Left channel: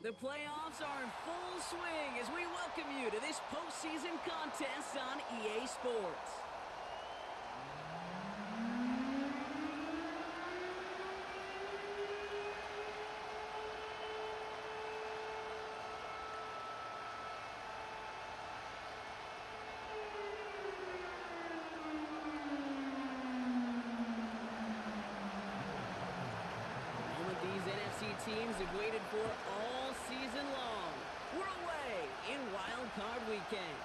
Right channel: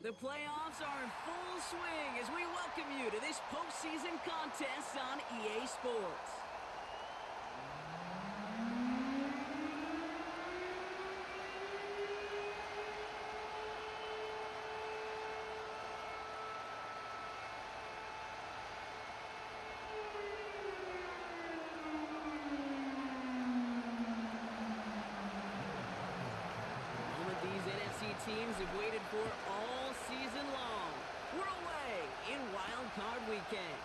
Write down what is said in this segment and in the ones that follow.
The playoffs are in full swing as we welcome you to this postseason contest on EA Sports. These NFC teams have waited for all season long. We're away in Wild Card Weekend.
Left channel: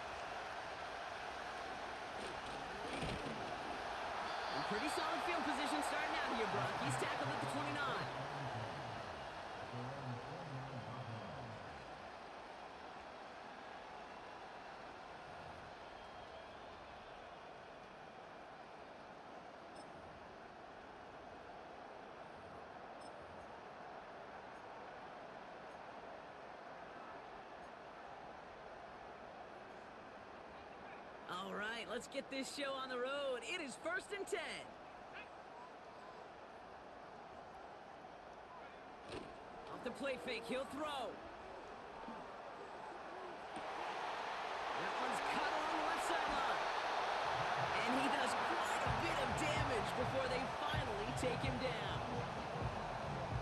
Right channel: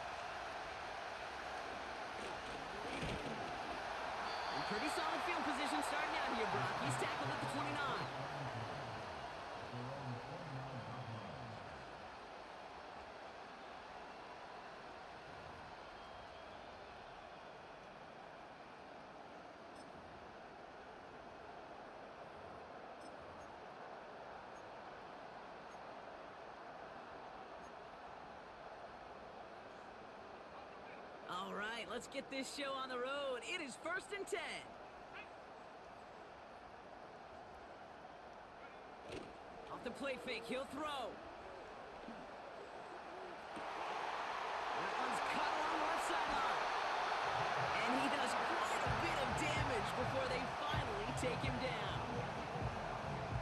And pretty solid field position starting out here, Brock. He's tackled at the 29. All right, let's get this show on the road. It is 1st and 10. Off the play fake, he'll throw. That one's cut along the left sideline. And he does quite a bit of damage before they finally take him down.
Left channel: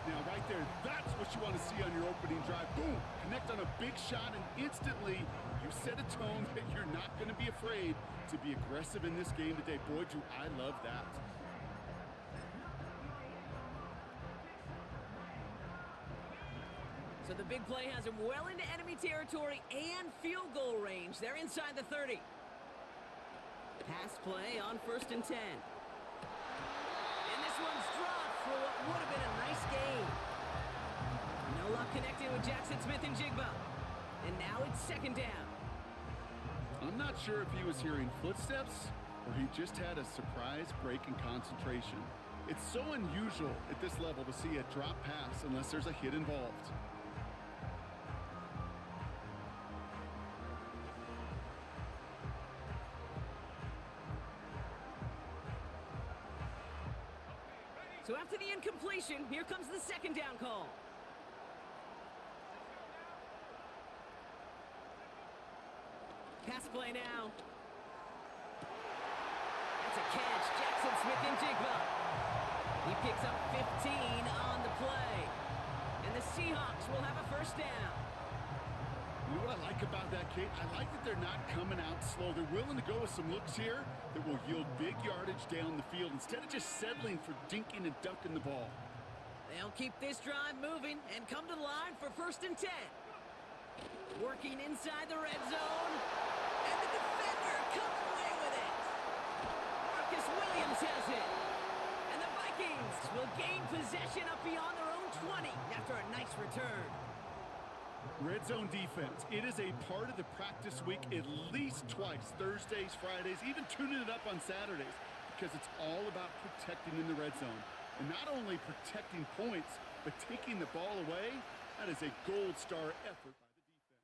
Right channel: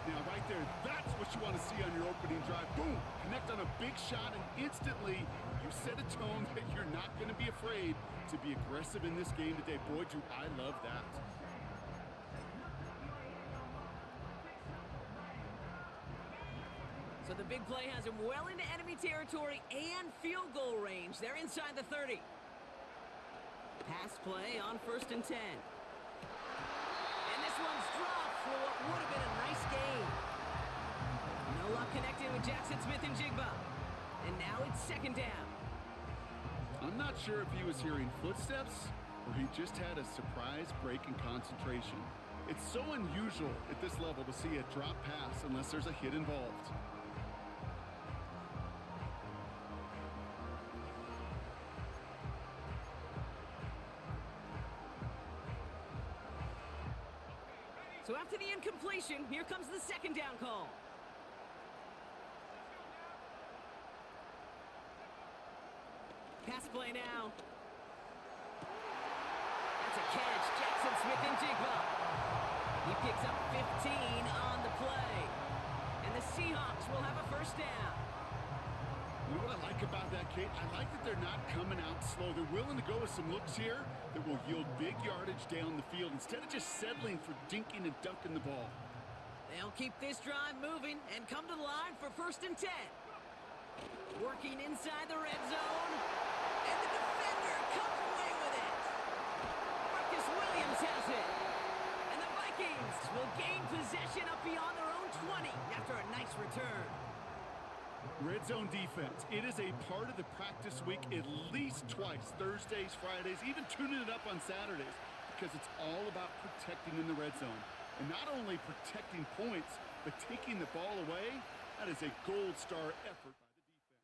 Now, right there, that's what you want to see on your opening drive. Boom! Connect on a big shot, and instantly you set a tone that you're not going to be afraid to be aggressive in this game today. Boy, do I love that. So the big play has him well into enemy territory and field goal range. They're inside the 30. Pass play on 1st and 10. And this one's dropped for what would have been a nice gain. No luck connecting with Jackson Smith and Jigba. And now it's 2nd down. I'm not sure if he was hearing footsteps or he just had a surprise break in concentration. It's so unusual at this level to see a drop pass unless there's a hit involved. So after the incompletion, here comes the 2nd down call. Pass play now. That's a catch. Jackson Smith and Jigba. He picks up 15 on the play. And the Seahawks will have a 1st down. You know what I like about that, Kate? I like that they're not coming out slow. They're willing to go with some looks here that will yield big yardage down the field instead of just settling for dinking and dunking the ball. They'll keep this drive moving and come to the line for 1st and 10. Working inside the red zone. And the defender comes away with it. Marcus Williams has it. And the Vikings will gain possession up beyond their own 20 after a nice return. Red zone defense. It is a part of the practice week at least twice. Thursdays, Fridays, even tuning it up on Saturdays. Because it's all about protecting in the red zone. And not only protecting points, but taking the ball away. That is a gold star effort by the defense.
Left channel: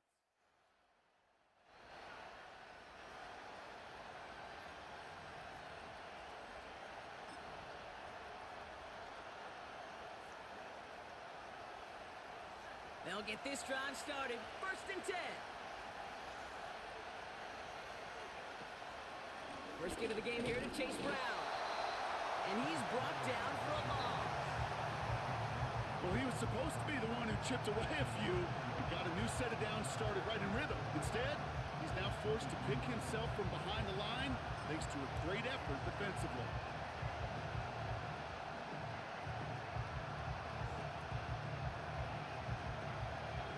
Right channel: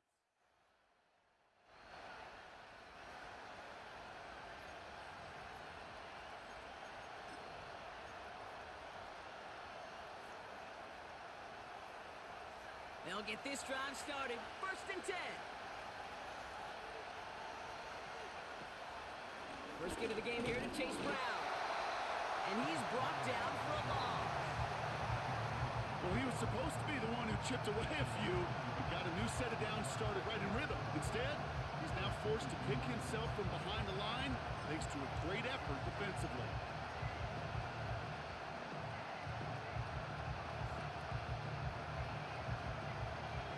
They'll get this drive started. 1st and 10. First get of the game here to Chase Brown. And he's brought down for a loss. Well, he was supposed to be the one who chipped away a few and got a new set of downs started right in rhythm. Instead, he's now forced to pick himself from behind the line thanks to a great effort defensively.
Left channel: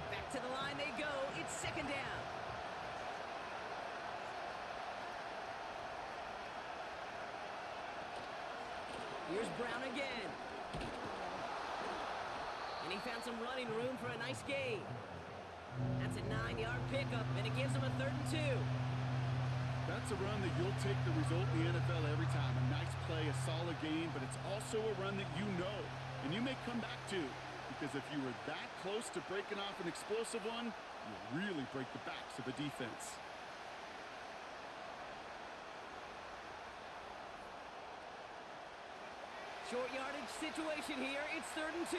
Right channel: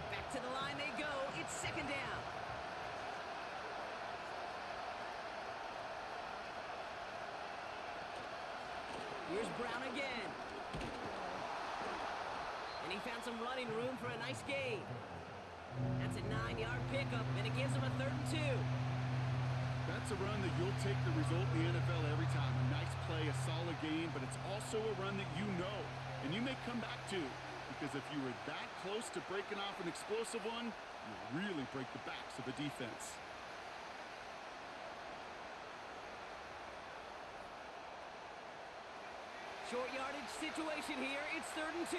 Back to the line they go. It's 2nd down. Here's Brown again. And he found some running room for a nice gain. That's a 9-yard pickup, and it gives him a 3rd and 2. That's a run that you'll take the result in the NFL every time. A nice play, a solid game, but it's also a run that you know, and you may come back to. Because if you were that close to breaking off an explosive one, you really break the backs of a defense. Short yardage situation here. It's 3rd and 2.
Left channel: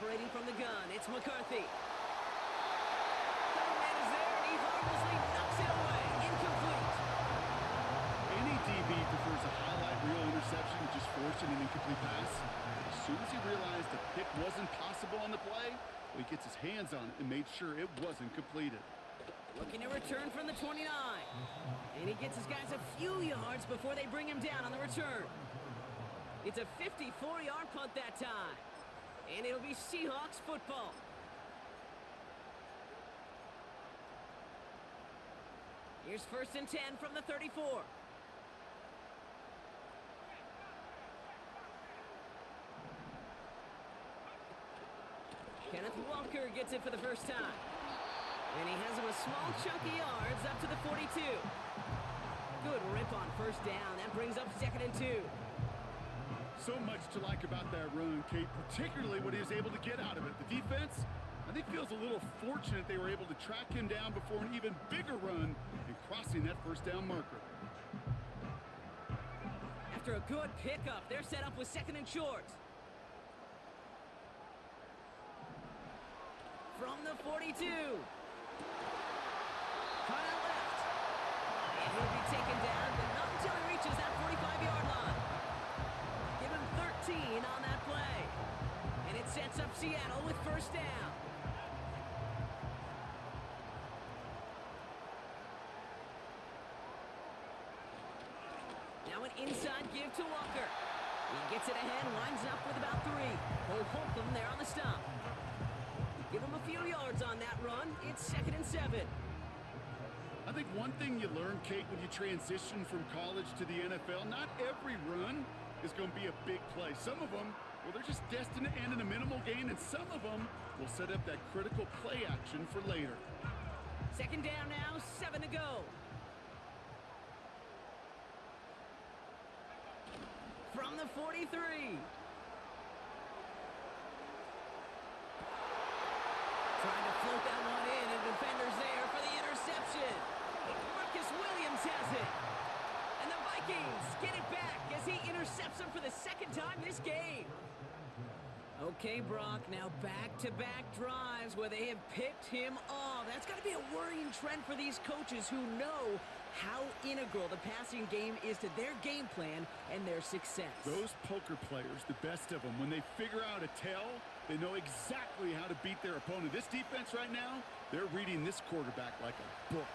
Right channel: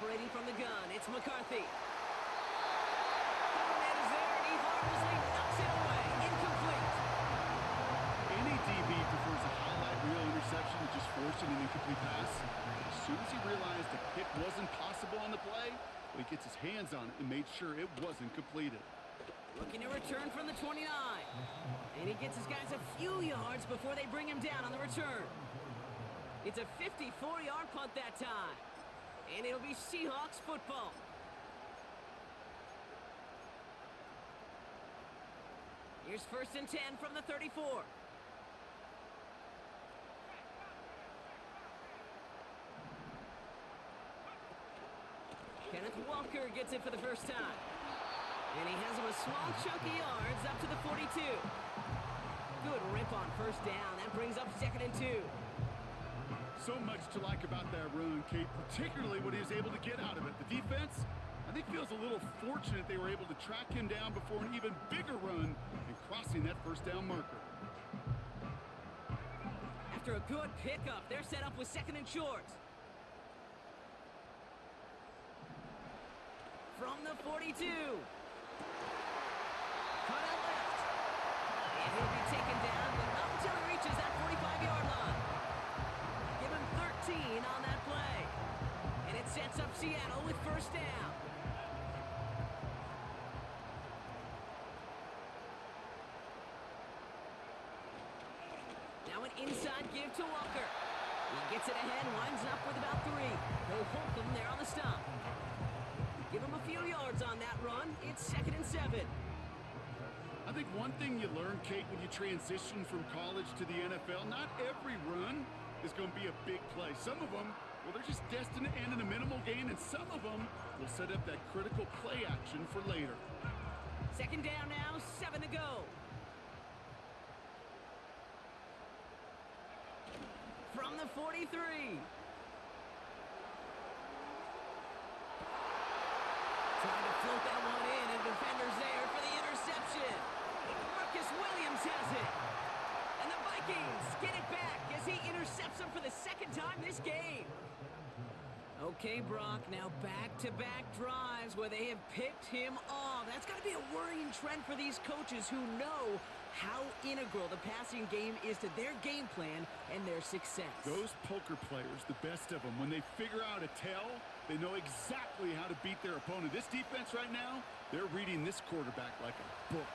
Operating from the gun, it's McCarthy. Cover man is there, and he harmlessly knocks it away. Incomplete. Any DB prefers a highlight reel interception to just forcing an incomplete pass. But as soon as he realized a pick wasn't possible on the play, well, he gets his hands on it and made sure it wasn't completed. Looking to return from the 29. And he gets his guys a few yards before they bring him down on the return. It's a 54-yard punt that time. And it'll be Seahawks football. Here's 1st and 10 from the 34. Kenneth Walker gets it for the first time. And he has him a small chunk of yards up to the 42. Good rip on 1st down. That brings up 2nd and 2. So much to like about that run, Kate, particularly what he was able to get out of it. The defense, I think, feels a little fortunate they were able to track him down before an even bigger run and crossing that 1st down marker. After a good pickup, they're set up with 2nd and short. From the 42. Cut out left. And he'll be taken down, but not until he reaches that 45-yard line. Give him 13 on that play. And it sets up Seattle with 1st down. Now an inside give to Walker. He gets it ahead, winds up with about 3. He'll hook him there on the stop. Give him a few yards on that run. It's 2nd and 7. I think one thing you learn, Kate, when you transition from college to the NFL, not every run is going to be a big play. Some of them, well, they're just destined to end in a minimal gain, and some of them will set up that critical play action for later. 2nd down now, 7 to go. From the 43. Trying to float that one in, and defender's there for the interception. Marcus Williams has it. And the Vikings get it back as he intercepts him for the 2nd time this game. Okay, Brock, now back-to-back drives where they have picked him off. That's got to be a worrying trend for these coaches who know how integral the passing game is to their game plan and their success. Those poker players, the best of them, when they figure out a tell, they know exactly how to beat their opponent. This defense right now, they're reading this quarterback like a book.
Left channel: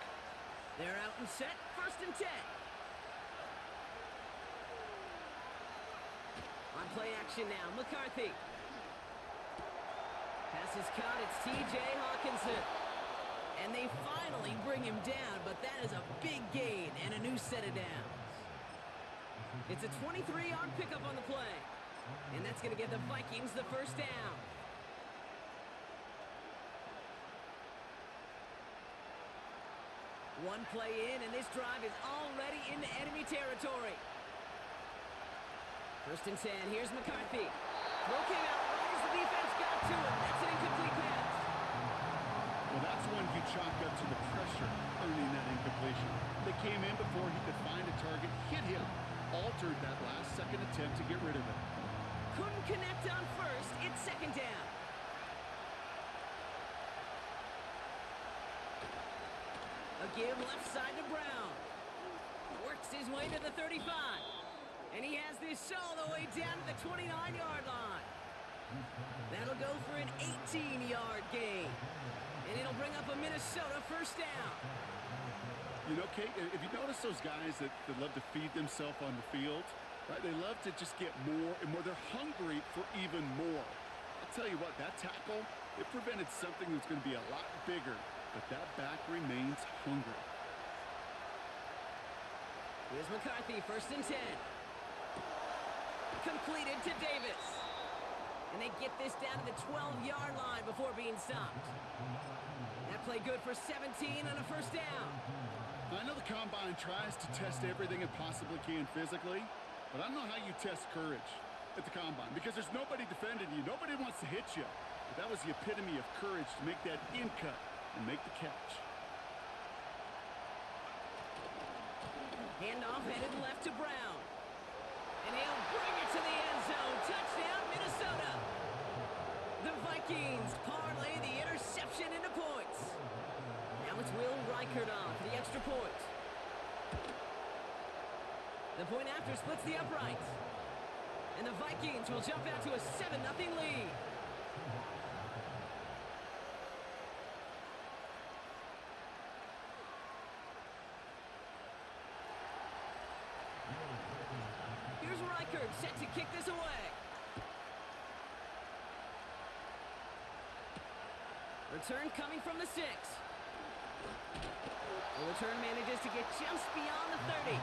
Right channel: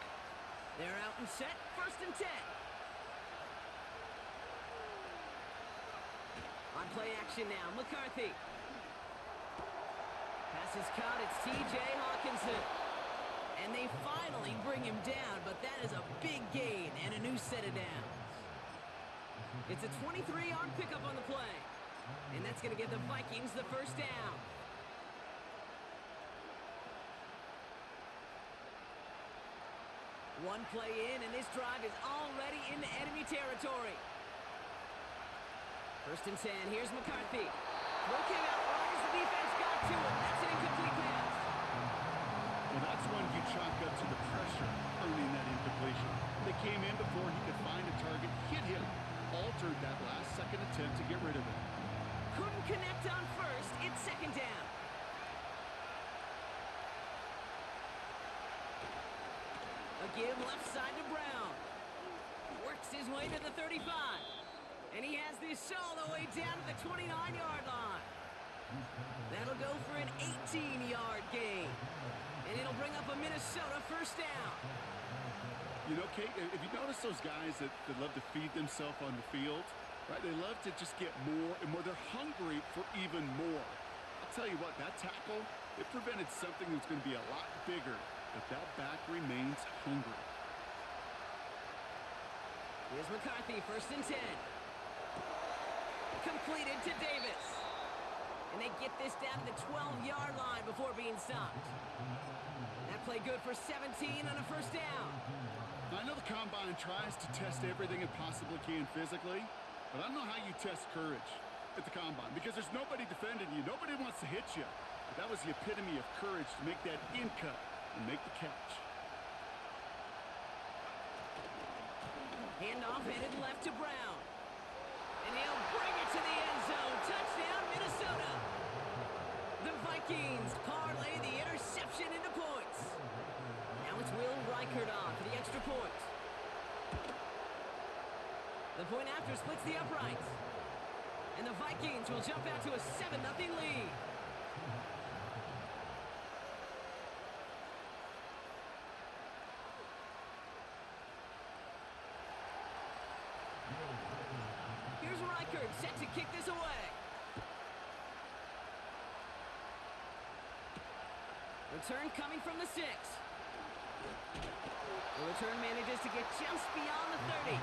They're out and set, 1st and 10. On play action now, McCarthy. Pass is caught, it's T.J. Hawkinson. And they finally bring him down, but that is a big gain and a new set of downs. It's a 23-yard pickup on the play. And that's going to get the Vikings the 1st down. One play in, and this drive is already into enemy territory. 1st and 10, here's McCarthy. Throw came out right as the defense got to him. That's an incomplete pass. Well, that's one you chalk up to the pressure earning that incompletion. They came in before he could find a target, hit him, altered that last-second attempt to get rid of it. Couldn't connect on 1st. It's 2nd down. A give left side to Brown. Works his way to the 35. And he has this all the way down to the 29-yard line. That'll go for an 18-yard gain. And it'll bring up a Minnesota 1st down. You know, Kate, if you notice those guys that love to feed themselves on the field, right? They love to just get more and more. They're hungry for even more. I'll tell you what, that tackle, it prevented something that's going to be a lot bigger. But that back remains hungry. Here's McCarthy, 1st and 10. Completed to Davis. And they get this down to the 12-yard line before being stopped. That play good for 17 and a 1st down. I know the Combine tries to test everything it possibly can physically, but I don't know how you test courage at the Combine because there's nobody defending you. Nobody wants to hit you. But that was the epitome of courage to make that in cut and make the catch. Handoff headed left to Brown. And he'll bring it to the end zone. Touchdown, Minnesota. The Vikings parlay the interception into points. Now it's Will Reichert on for the extra point. The point after splits the uprights. And the Vikings will jump out to a 7-0 lead. Here's Reichert set to kick this away. Return coming from the 6. The return manages to get just beyond the 30.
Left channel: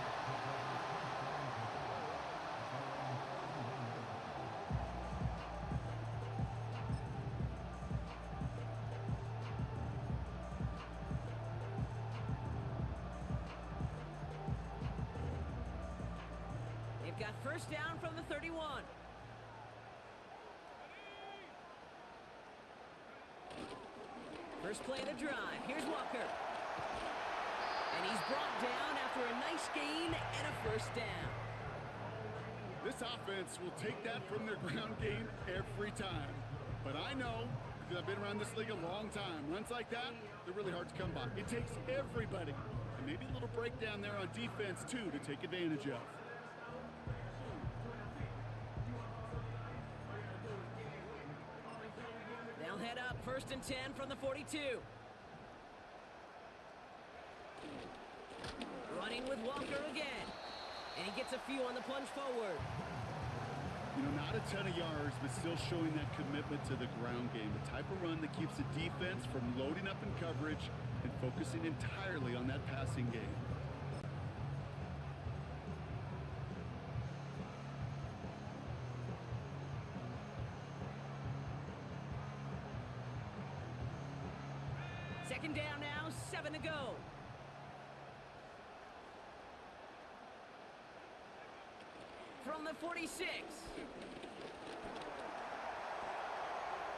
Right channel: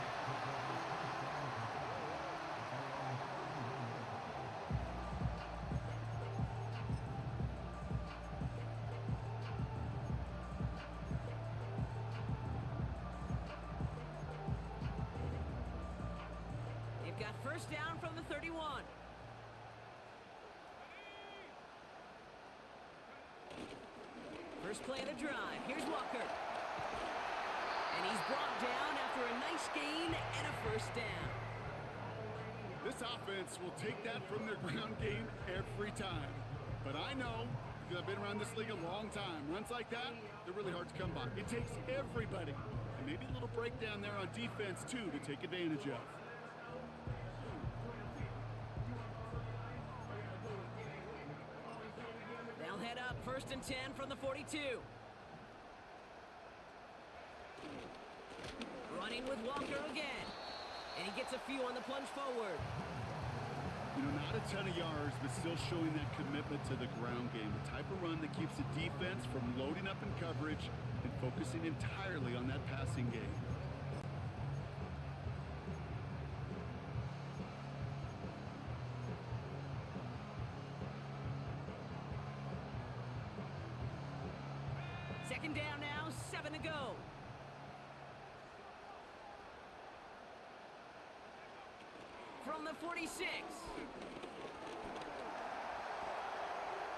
They've got first down from the 31. First play of the drive. Here's Walker. And he's brought down after a nice gain and a first down. This offense will take that from their ground game every time. But I know, because I've been around this league a long time, runs like that, they're really hard to come by. It takes everybody. And maybe a little breakdown there on defense, too, to take advantage of. They'll head up first and 10 from the 42. Running with Walker again. And he gets a few on the plunge forward. You know, not a ton of yards, but still showing that commitment to the ground game. The type of run that keeps the defense from loading up in coverage and focusing entirely on that passing game. Second down now, 7 to go. From the 46.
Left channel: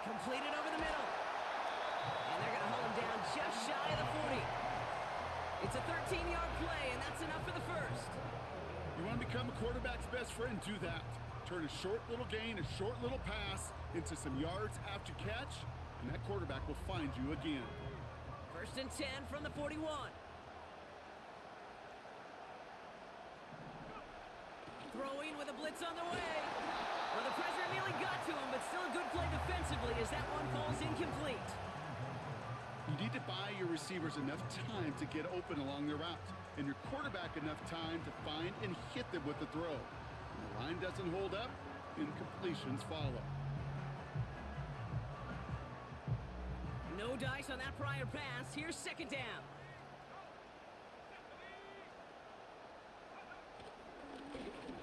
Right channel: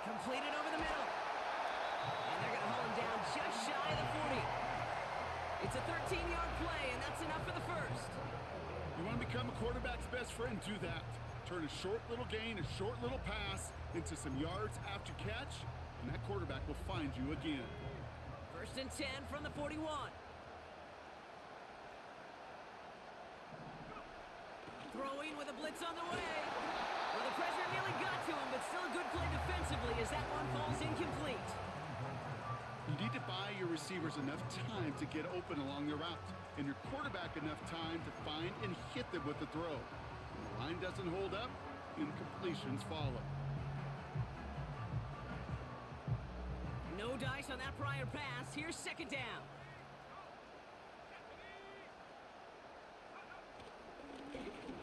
Completed over the middle. And they're going to haul him down just shy of the 40. It's a 13-yard play, and that's enough for the first. You want to become a quarterback's best friend, do that. Turn a short little gain, a short little pass into some yards after catch, and that quarterback will find you again. First and 10 from the 41. Throwing with a blitz on the way. Well, the pressure nearly got to him, but still a good play defensively as that one falls incomplete. You need to buy your receivers enough time to get open along their route, and your quarterback enough time to find and hit them with the throw. When the line doesn't hold up, incompletions follow. No dice on that prior pass. Here's second down.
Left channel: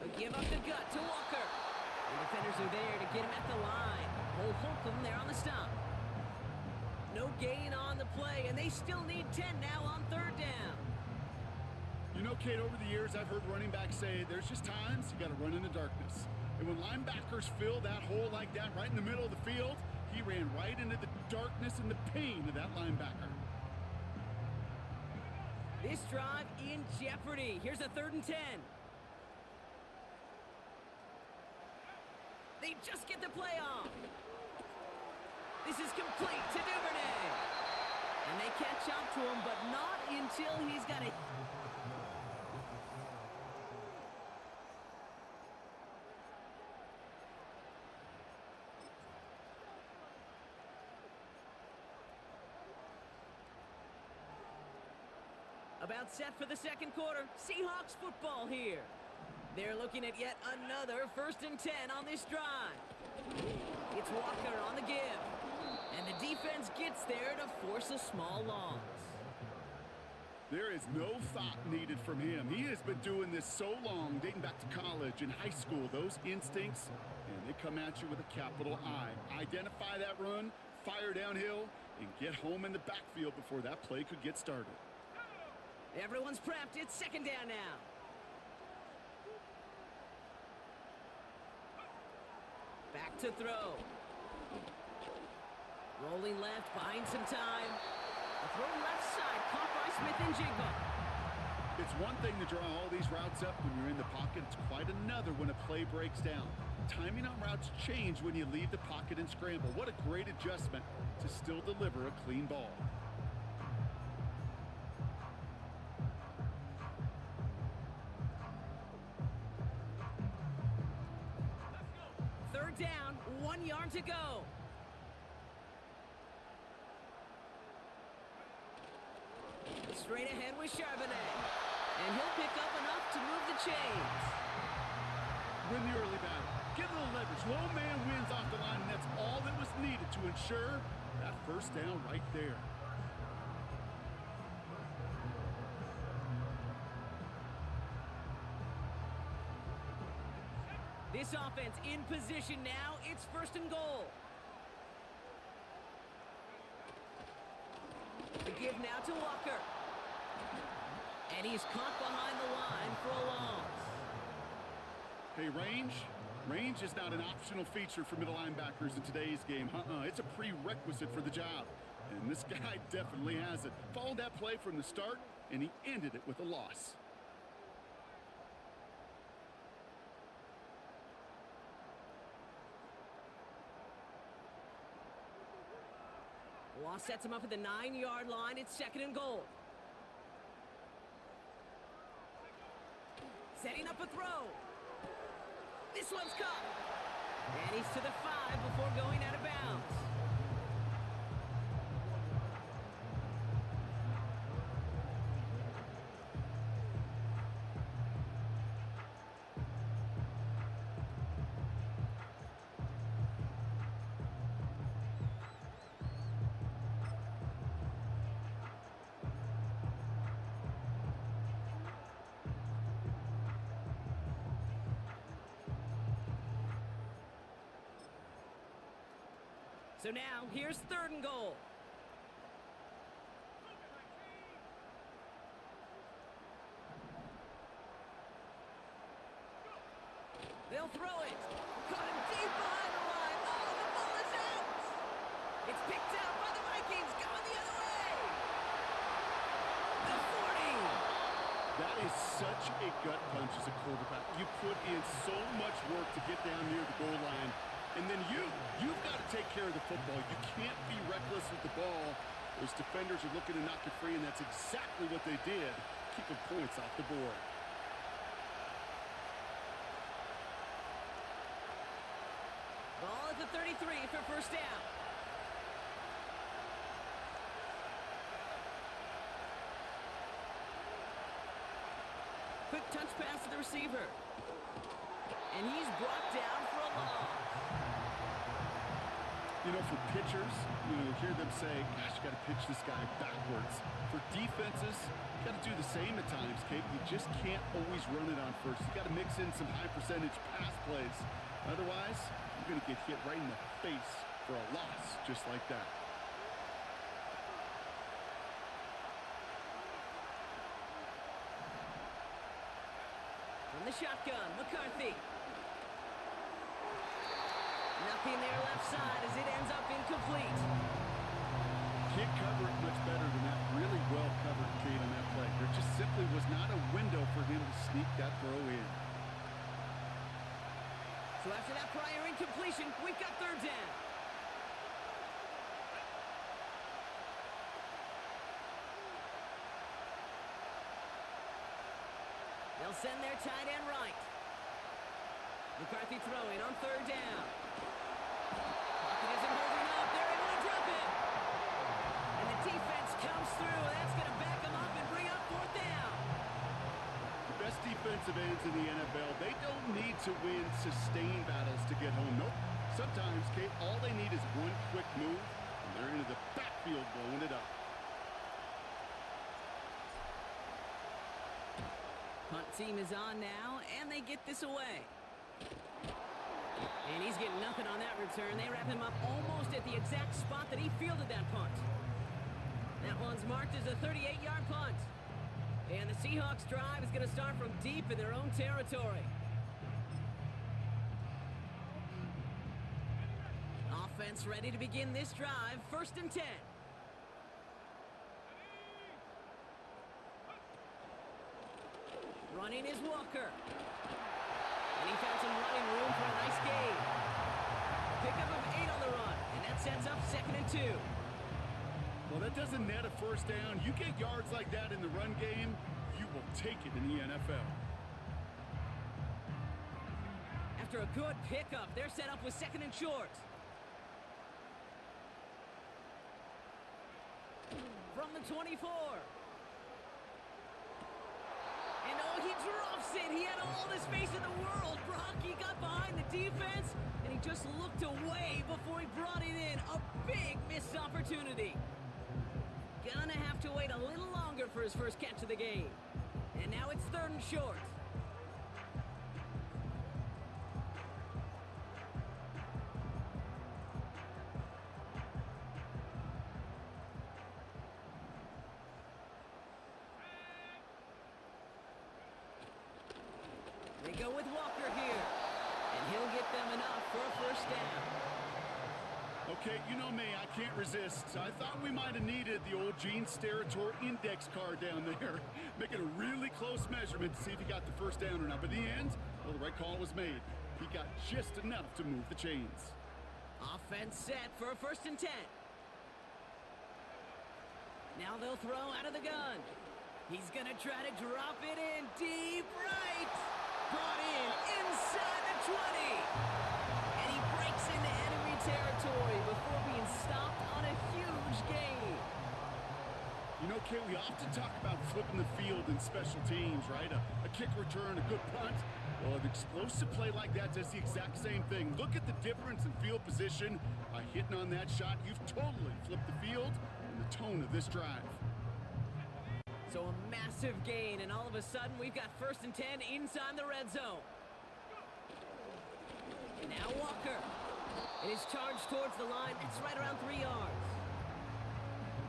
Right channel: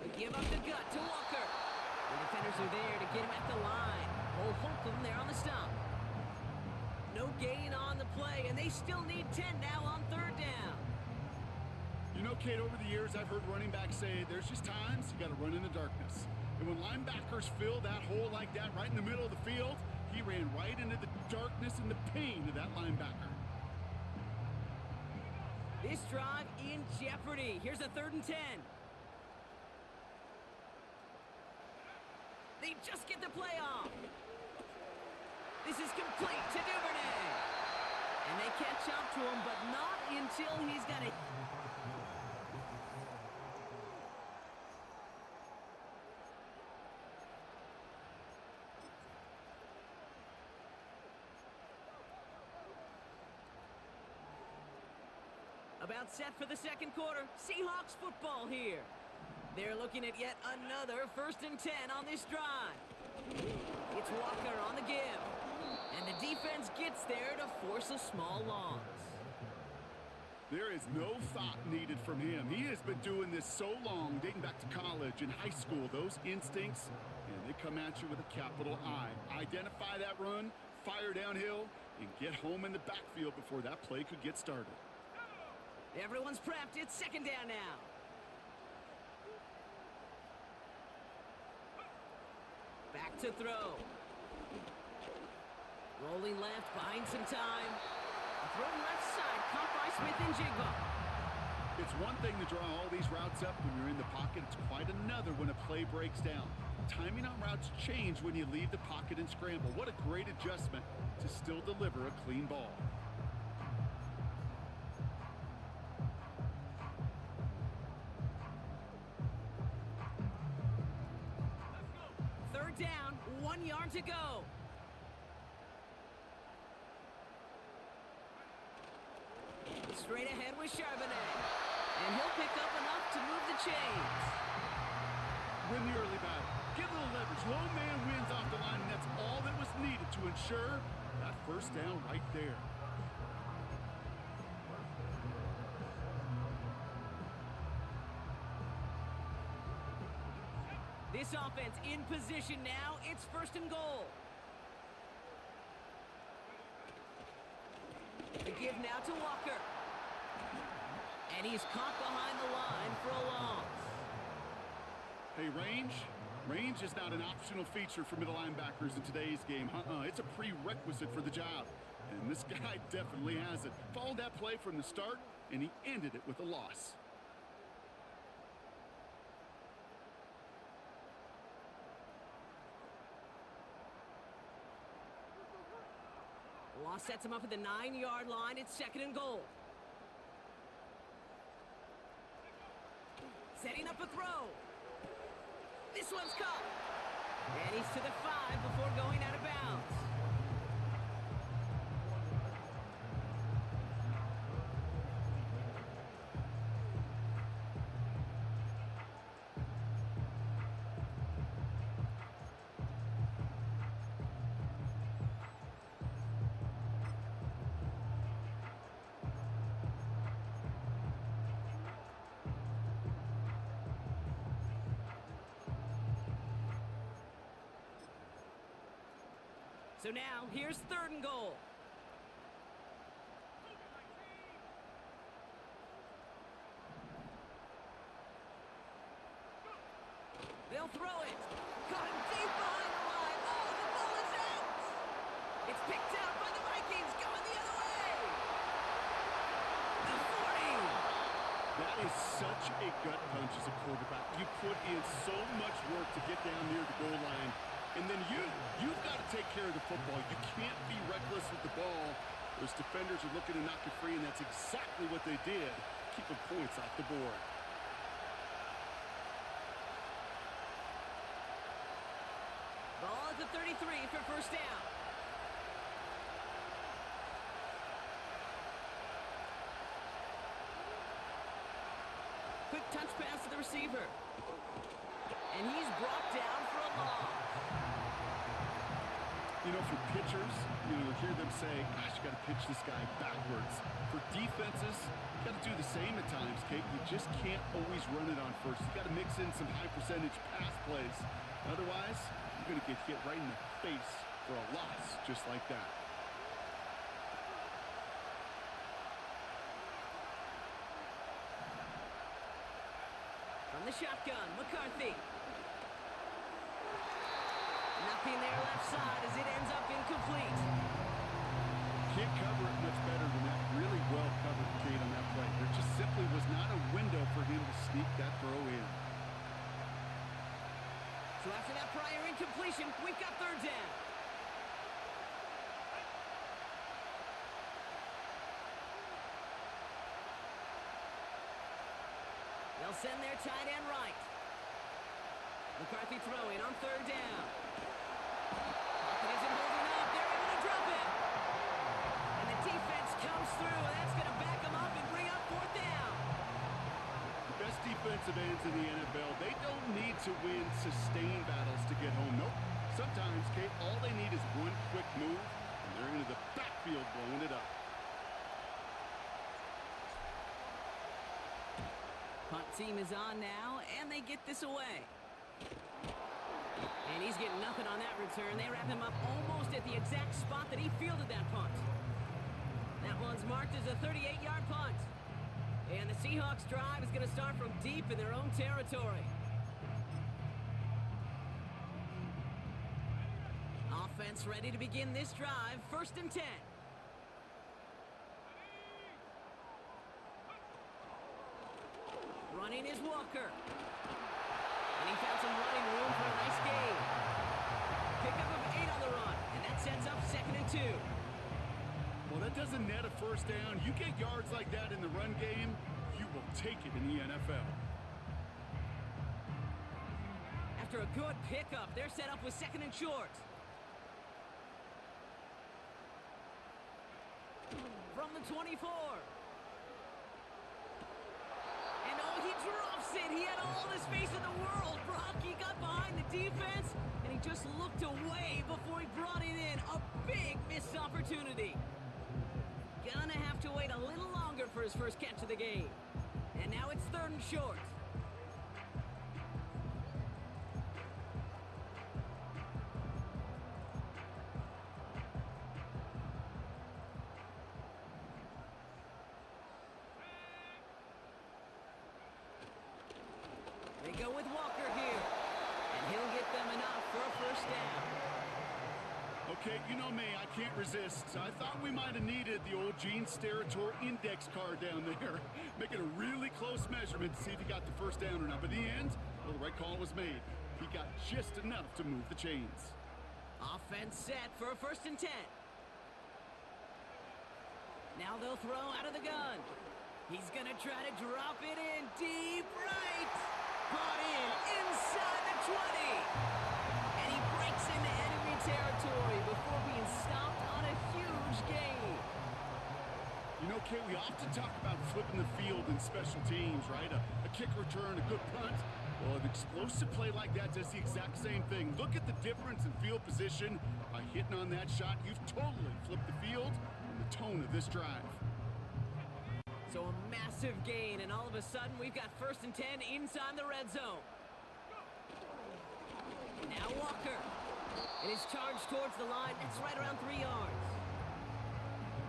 A give up the gut to Walker. And defenders are there to get him at the line. Old Holcomb there on the stop. No gain on the play, and they still need 10 now on third down. You know, Kate, over the years, I've heard running backs say there's just times you got to run in the darkness. And when linebackers fill that hole like that right in the middle of the field, he ran right into the darkness and the pain of that linebacker. This drive in jeopardy. Here's a 3rd and 10. They just get the play off. This is complete to Duvernay. And they catch up to him, but not until he's got it. About set for the second quarter. Seahawks football here. They're looking at yet another 1st and 10 on this drive. It's Walker on the give. And the defense gets there to force a small loss. There is no thought needed from him. He has been doing this so long, dating back to college and high school. Those instincts, and they come at you with a capital I. Identify that run, fire downhill, and get home in the backfield before that play could get started. Everyone's prepped. It's second down now. Back to throw. Rolling left, buying some time. The throw left side, caught by Smith and Jigba. It's one thing to draw all these routes up when you're in the pocket. It's quite another when a play breaks down. timing on routes change when you leave the pocket and scramble. What a great adjustment to still deliver a clean ball. Third down, 1 yard to go. Straight ahead with Charbonnet. And he'll pick up enough to move the chains. Win the early battle. Get a little leverage. Low man wins off the line, and that's all that was needed to ensure that first down right there. This offense in position now. It's first and goal. The give now to Walker. And he's caught behind the line for a loss. Hey, range is not an optional feature for middle linebackers in today's game. It's a prerequisite for the job. And this guy definitely has it. Followed that play from the start, and he ended it with a loss. The loss sets him up at the 9-yard line. It's second and goal. Setting up a throw. This one's caught. And he's to the 5 before going out of bounds. So now, here's third and goal. They'll throw it. Caught him deep behind the line. Oh, the ball is out. It's picked out by the Vikings, going the other way. The 40. That is such a gut punch as a quarterback. You put in so much work to get down near the goal line. And then you've got to take care of the football. You can't be reckless with the ball. Those defenders are looking to knock it free, and that's exactly what they did, keeping points off the board. Ball at the 33 for first down. Quick touch pass to the receiver. And he's brought down for a loss. You know, for pitchers, you'll hear them say, gosh, you got to pitch this guy backwards. For defenses, you got to do the same at times, Kate. You just can't always run it on first. You got to mix in some high percentage pass plays. Otherwise, you're going to get hit right in the face for a loss just like that. From the shotgun, McCarthy. Nothing there left side as it ends up incomplete. Can't cover it much better than that. Really well covered, Kate, on that play. There just simply was not a window for him to sneak that throw in. So after that prior incompletion, we've got third down. They'll send their tight end right. McCarthy throwing on third down. Pocket isn't holding up. They're able to drop it. And the defense comes through. That's going to back them up and bring up fourth down. The best defensive ends in the NFL, they don't need to win sustained battles to get home. Nope. Sometimes, Kate, all they need is one quick move, and they're into the backfield blowing it up. Punt team is on now, and they get this away. And he's getting nothing on that return. They wrap him up almost at the exact spot that he fielded that punt. That one's marked as a 38-yard punt. And the Seahawks drive is going to start from deep in their own territory. Offense ready to begin this drive. First and 10. Running is Walker. And he found some running room for a nice gain. Pickup of 8 on the run, and that sets up 2nd and 2. Well, that doesn't net a first down. You get yards like that in the run game, you will take it in the NFL. After a good pickup, they're set up with 2nd and short. From the 24. And oh, he drops it. He had all the space in the world. Brock, he got behind the defense, and he just looked away before he brought it in. A big missed opportunity. Gonna have to wait a little longer for his first catch of the game. And now it's 3rd and short. They go with Walker here, and he'll get them enough for a first down. Okay, you know me, I can't resist. I thought we might have needed the old Gene Steratore index card down there. Make it a really close measurement to see if he got the first down or not. But in the end, well, the right call was made. He got just enough to move the chains. Offense set for a 1st and 10. Now they'll throw out of the gun. He's going to try to drop it in deep right. Brought in inside the 20. And he breaks into enemy territory before being stopped on a huge gain. You know, Kate, we often talk about flipping the field in special teams, right? A kick return, a good punt. Well, an explosive play like that does the exact same thing. Look at the difference in field position. By hitting on that shot, you've totally flipped the field and the tone of this drive. So a massive gain, and all of a sudden, we've got 1st and 10 inside the red zone. And now Walker. And his charge towards the line, that's right around 3 yards.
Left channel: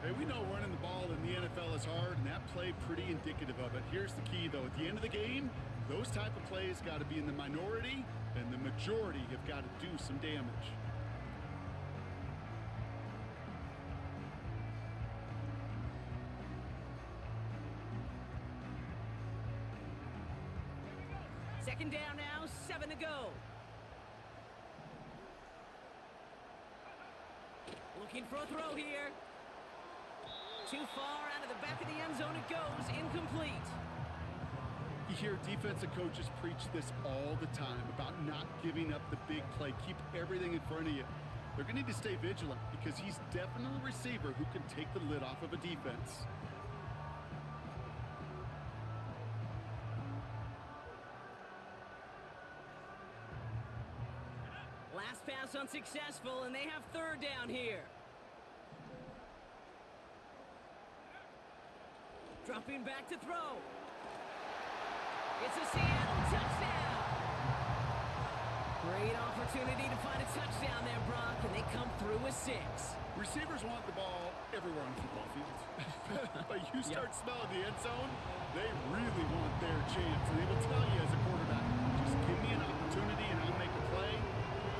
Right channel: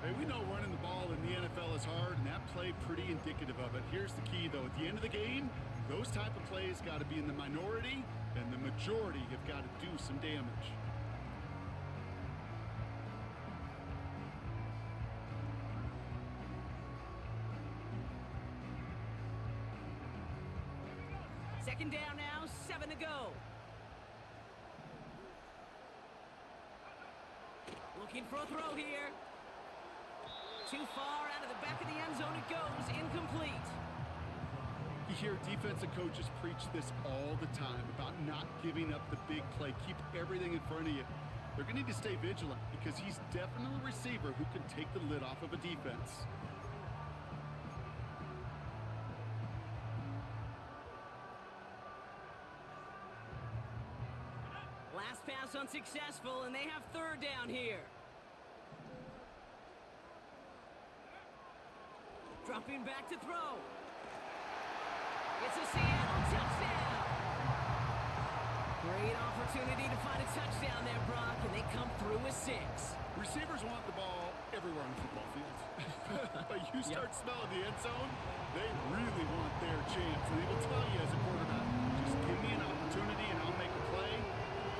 Hey, we know running the ball in the NFL is hard, and that play pretty indicative of it. Here's the key, though. At the end of the game, those type of plays got to be in the minority, and the majority have got to do some damage. Second down now, 7 to go. Looking for a throw here. Too far out of the back of the end zone it goes, incomplete. You hear defensive coaches preach this all the time about not giving up the big play. Keep everything in front of you. They're going to need to stay vigilant because he's definitely a receiver who can take the lid off of a defense. Last pass unsuccessful, and they have 3rd down here. Dropping back to throw. It's a Seattle touchdown. Great opportunity to find a touchdown there, Brock, and they come through with 6. Receivers want the ball everywhere on the football field. But you start smelling the end zone, they really want their chance. And they will tell you as a quarterback, just give me an opportunity and I'll make a play.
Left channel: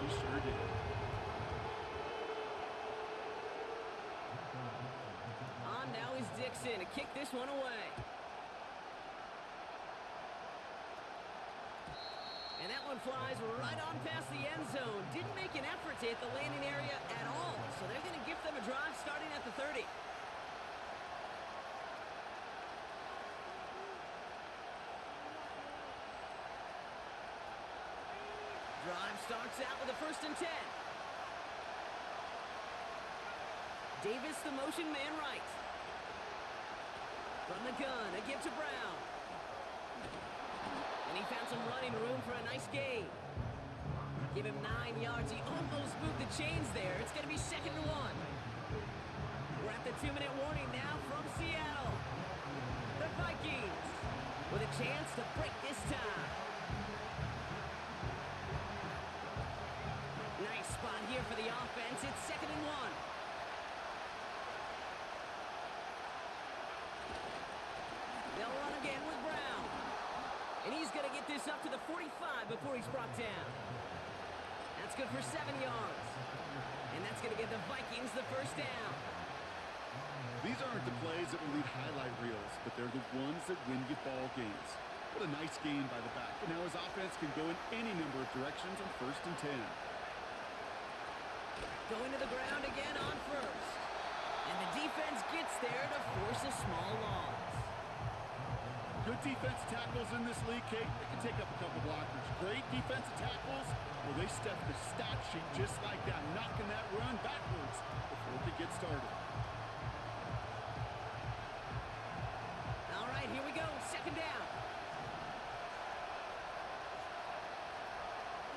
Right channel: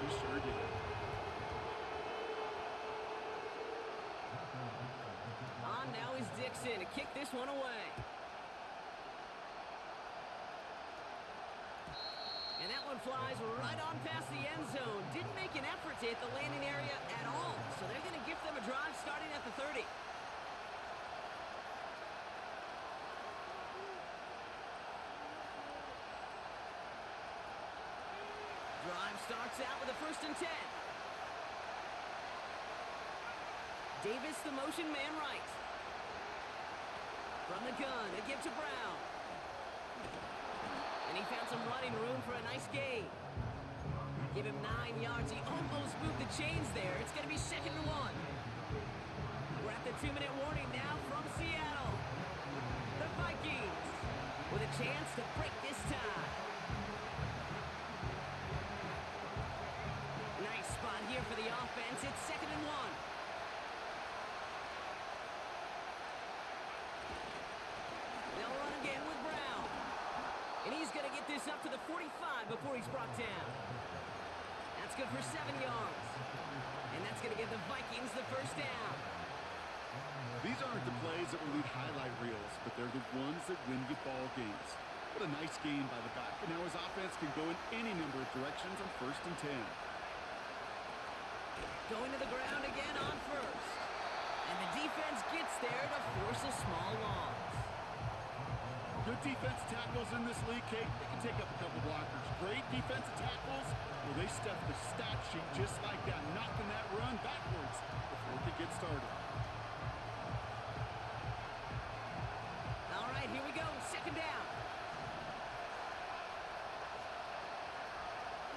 He sure did. On now is Dixon to kick this one away. And that one flies right on past the end zone. Didn't make an effort to hit the landing area at all. So they're going to give them a drive starting at the 30. Drive starts out with a 1st and 10. Davis, the motion man right. From the gun, a give to Brown. And he found some running room for a nice gain. Give him 9 yards. He almost moved the chains there. It's going to be 2nd and 1. We're at the 2-minute warning now from Seattle. The Vikings with a chance to break this tie. Nice spot here for the offense. It's 2nd and 1. They'll run again with Brown. And he's going to get this up to the 45 before he's brought down. That's good for 7 yards. And that's going to give the Vikings the first down. These aren't the plays that will lead highlight reels, but they're the ones that win you ball games. What a nice gain by the back. And now his offense can go in any number of directions on 1st and 10. Going to the ground again on first. And the defense gets there to force a small loss. Good defensive tackles in this league, Kate. They can take up a couple blockers. Great defensive tackles. Well, they step the stat sheet just like that, knocking that run backwards before it could get started. All right, here we go. 2nd down.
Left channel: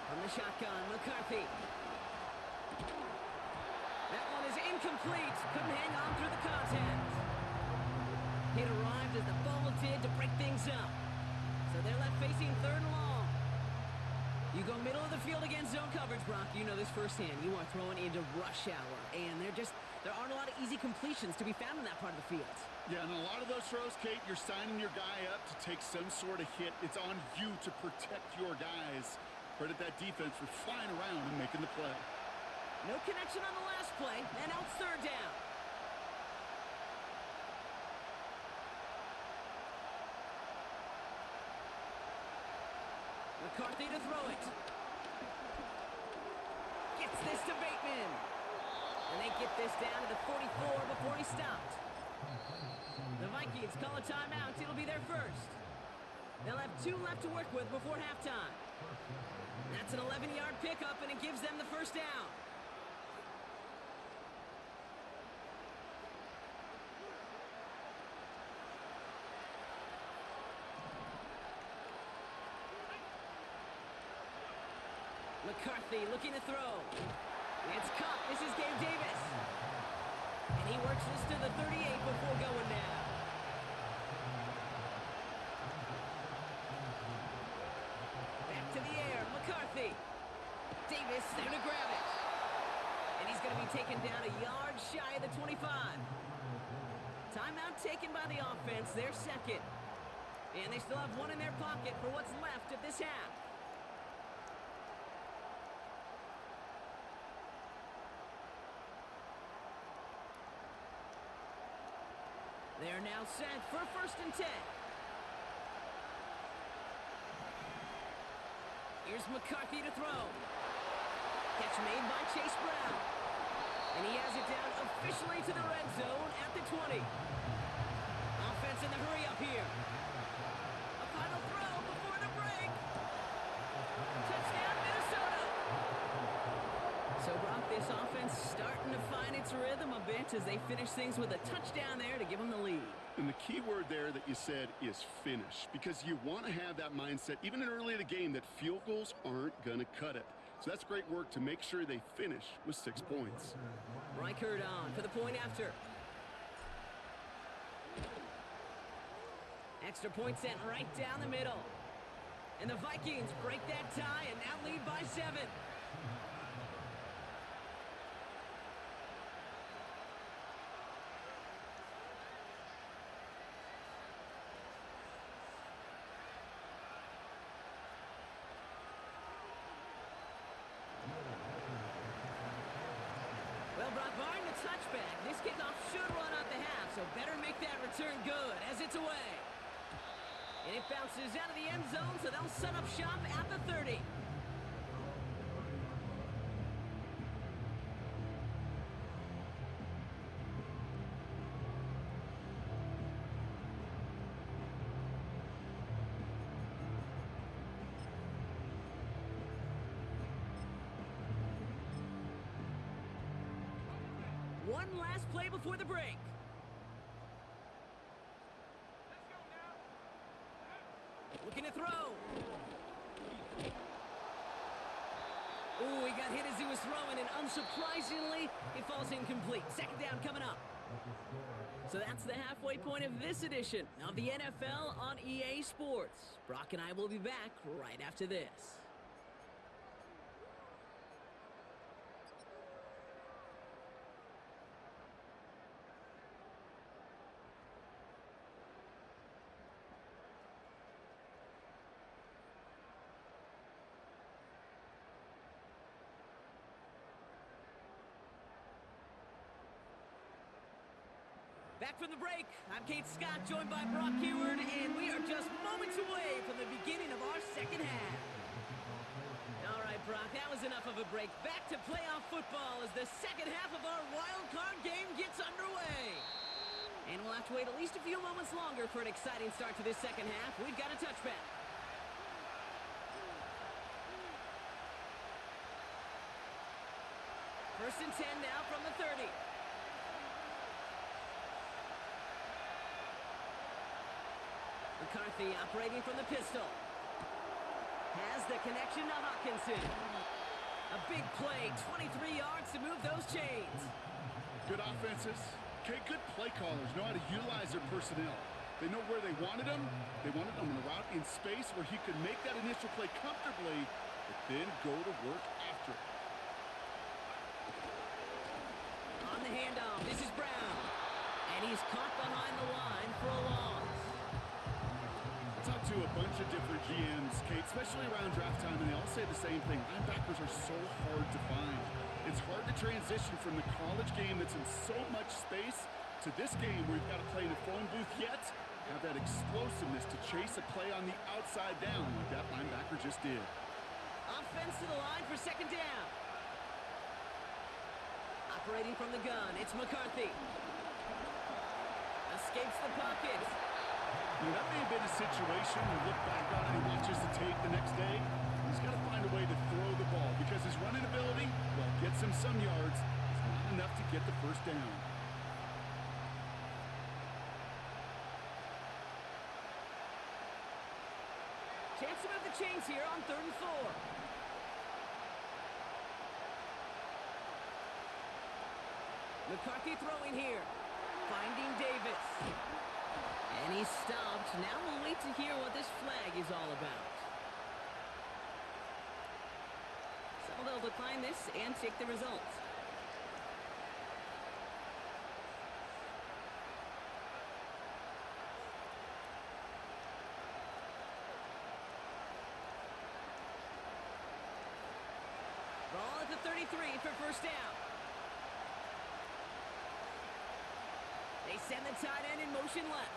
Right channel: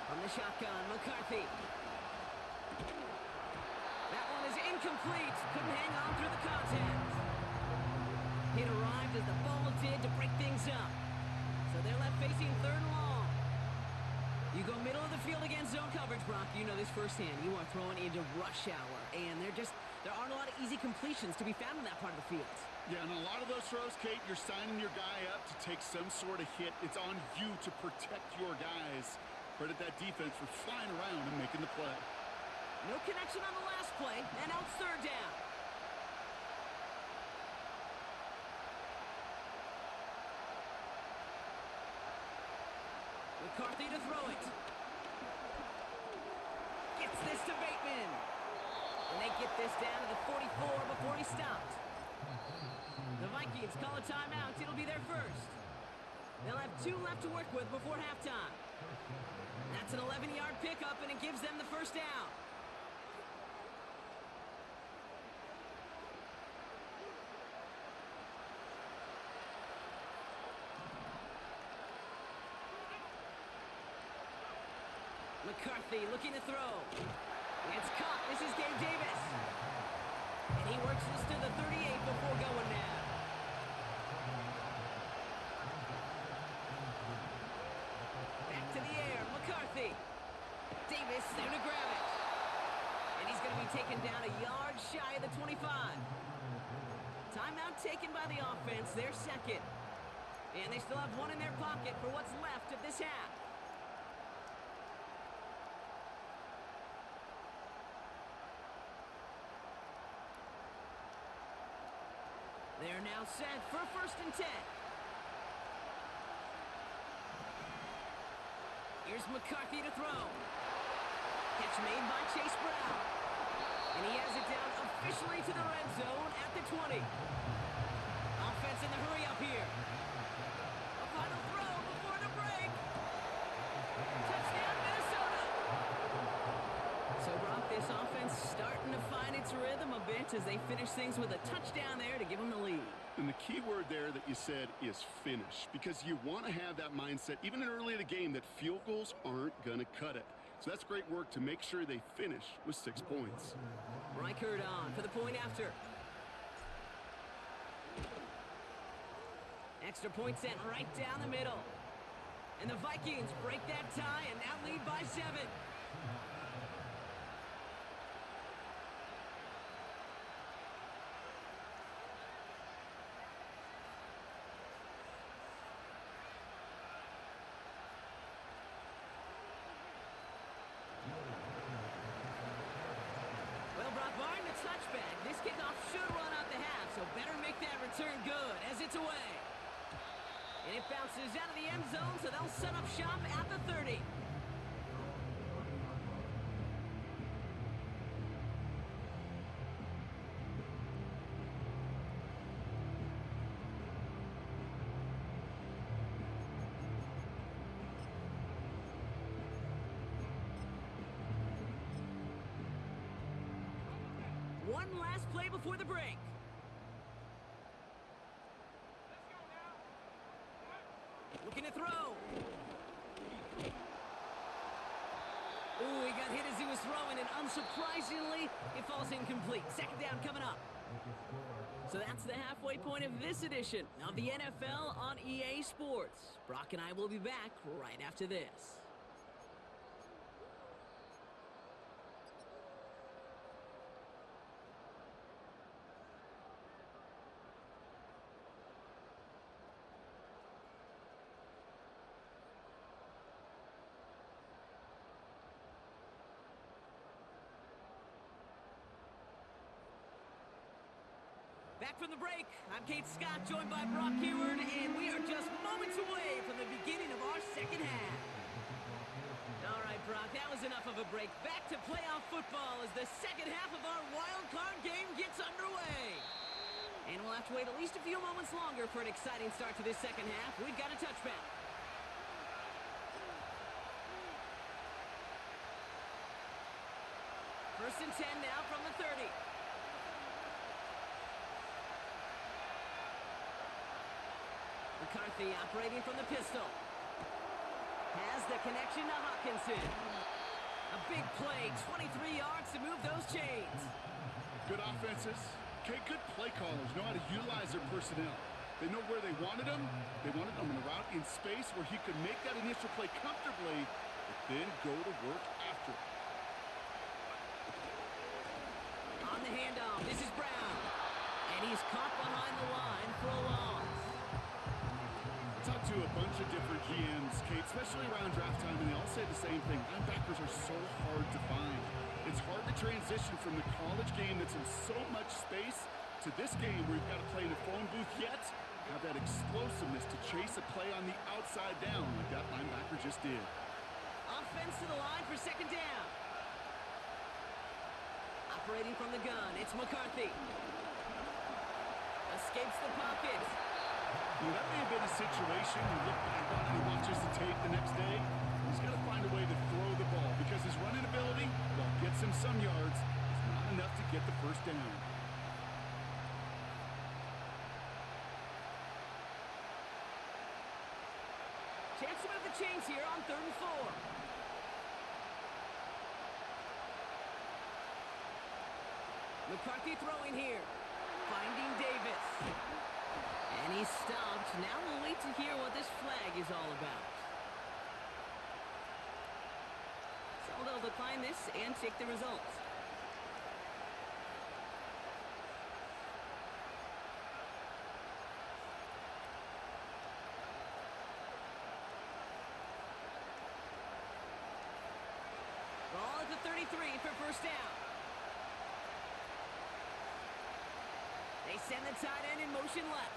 From the shotgun, McCarthy. That one is incomplete. Couldn't hang on through the contact. It arrived as the ball did to break things up. So they're left facing 3rd and long. You go middle of the field against zone coverage, Brock. You know this firsthand. You are throwing into rush hour. And there aren't a lot of easy completions to be found in that part of the field. Yeah, and a lot of those throws, Kate, you're signing your guy up to take some sort of hit. It's on you to protect your guys. Credit that defense for flying around and making the play. No connection on the last play, and now it's 3rd down. McCarthy to throw it. Gets this to Bateman. And they get this down to the 44 before he stopped. The Vikings call a timeout. It'll be their first. They'll have 2 left to work with before halftime. That's an 11-yard pickup, and it gives them the 1st down. McCarthy looking to throw. It's caught. This is Gabe Davis. And he works this to the 38 before going now. Back to the air. McCarthy. Davis there to grab it. And he's going to be taken down a yard shy of the 25. Timeout taken by the offense. Their 2nd. And they still have 1 in their pocket for what's left of this half. They're now set for 1st and 10. Here's McCarthy to throw. Catch made by Chase Brown. And he has it down officially to the red zone at the 20. Offense in the hurry up here. A final throw before the break. Touchdown, Minnesota. So, Brock, this offense starting to find its rhythm a bit as they finish things with a touchdown there to give them the lead. And the key word there that you said is finish, because you want to have that mindset, even in early in the game, that field goals aren't going to cut it. So that's great work to make sure they finish with 6 points. Reichert on for the point after. Extra point sent right down the middle. And the Vikings break that tie and now lead by 7. Well, Brock, barring the touchback, this kickoff should run out the half, so better make that return good as it's away. And it bounces out of the end zone, so they'll set up shop at the 30. One last play before the break. Let's go now. Looking to throw. Ooh, he got hit as he was throwing, and unsurprisingly, it falls incomplete. 2nd down coming up. So that's the halfway point of this edition of the NFL on EA Sports. Brock and I will be back right after this. Back from the break, I'm Kate Scott, joined by Brock Keyword, and we are just moments away from the beginning of our second half. All right, Brock, that was enough of a break. Back to playoff football as the second half of our wild card game gets underway. And we'll have to wait at least a few moments longer for an exciting start to this second half. We've got a touchback. First and 10 now from the 30. McCarthy operating from the pistol. Has the connection to Hawkinson. A big play, 23 yards to move those chains. Good offenses. Okay, good play callers know how to utilize their personnel. They know where they wanted them. They wanted them on the route in space where he could make that initial play comfortably, but then go to work after it. On the handoff, this is Brown. And he's caught behind the line for a loss. I talked to a bunch of different GMs, Kate, especially around draft time, and they all say the same thing. Linebackers are so hard to find. It's hard to transition from the college game that's in so much space to this game where you've got to play in a phone booth, yet have that explosiveness to chase a play on the outside down like that linebacker just did. Offense to the line for second down. Operating from the gun, it's McCarthy. Escapes the pocket. You know, that may have been a situation we look back on and he watches the tape the next day. He's got to find a way to throw the ball because his running ability, while it gets him some yards, is not enough to get the first down. Chance to move the chains here on 3rd and 4. McCarthy throwing here. Finding Davis. And he's stopped. Now we'll wait to hear what this flag is all about. So they'll decline this and take the results. Ball at the 33 for first down. They send the tight end in motion left.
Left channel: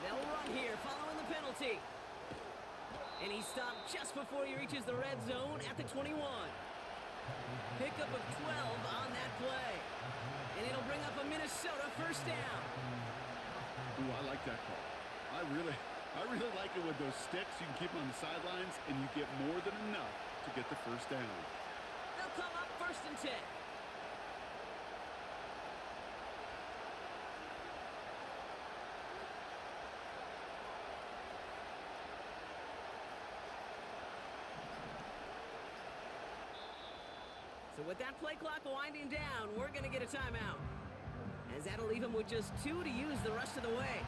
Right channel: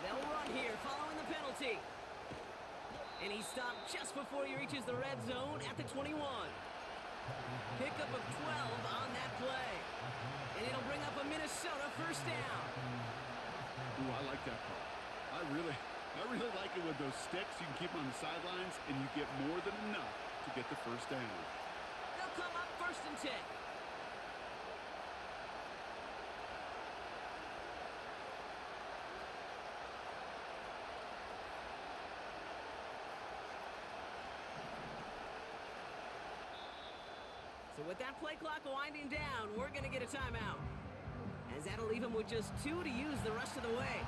They'll run here following the penalty. And he stopped just before he reaches the red zone at the 21. Pickup of 12 on that play. And it'll bring up a Minnesota first down. Ooh, I like that call. I really like it with those sticks. You can keep them on the sidelines, and you get more than enough to get the first down. They'll come up first and 10. So with that play clock winding down, we're going to get a timeout. As that'll leave him with just 2 to use the rest of the way.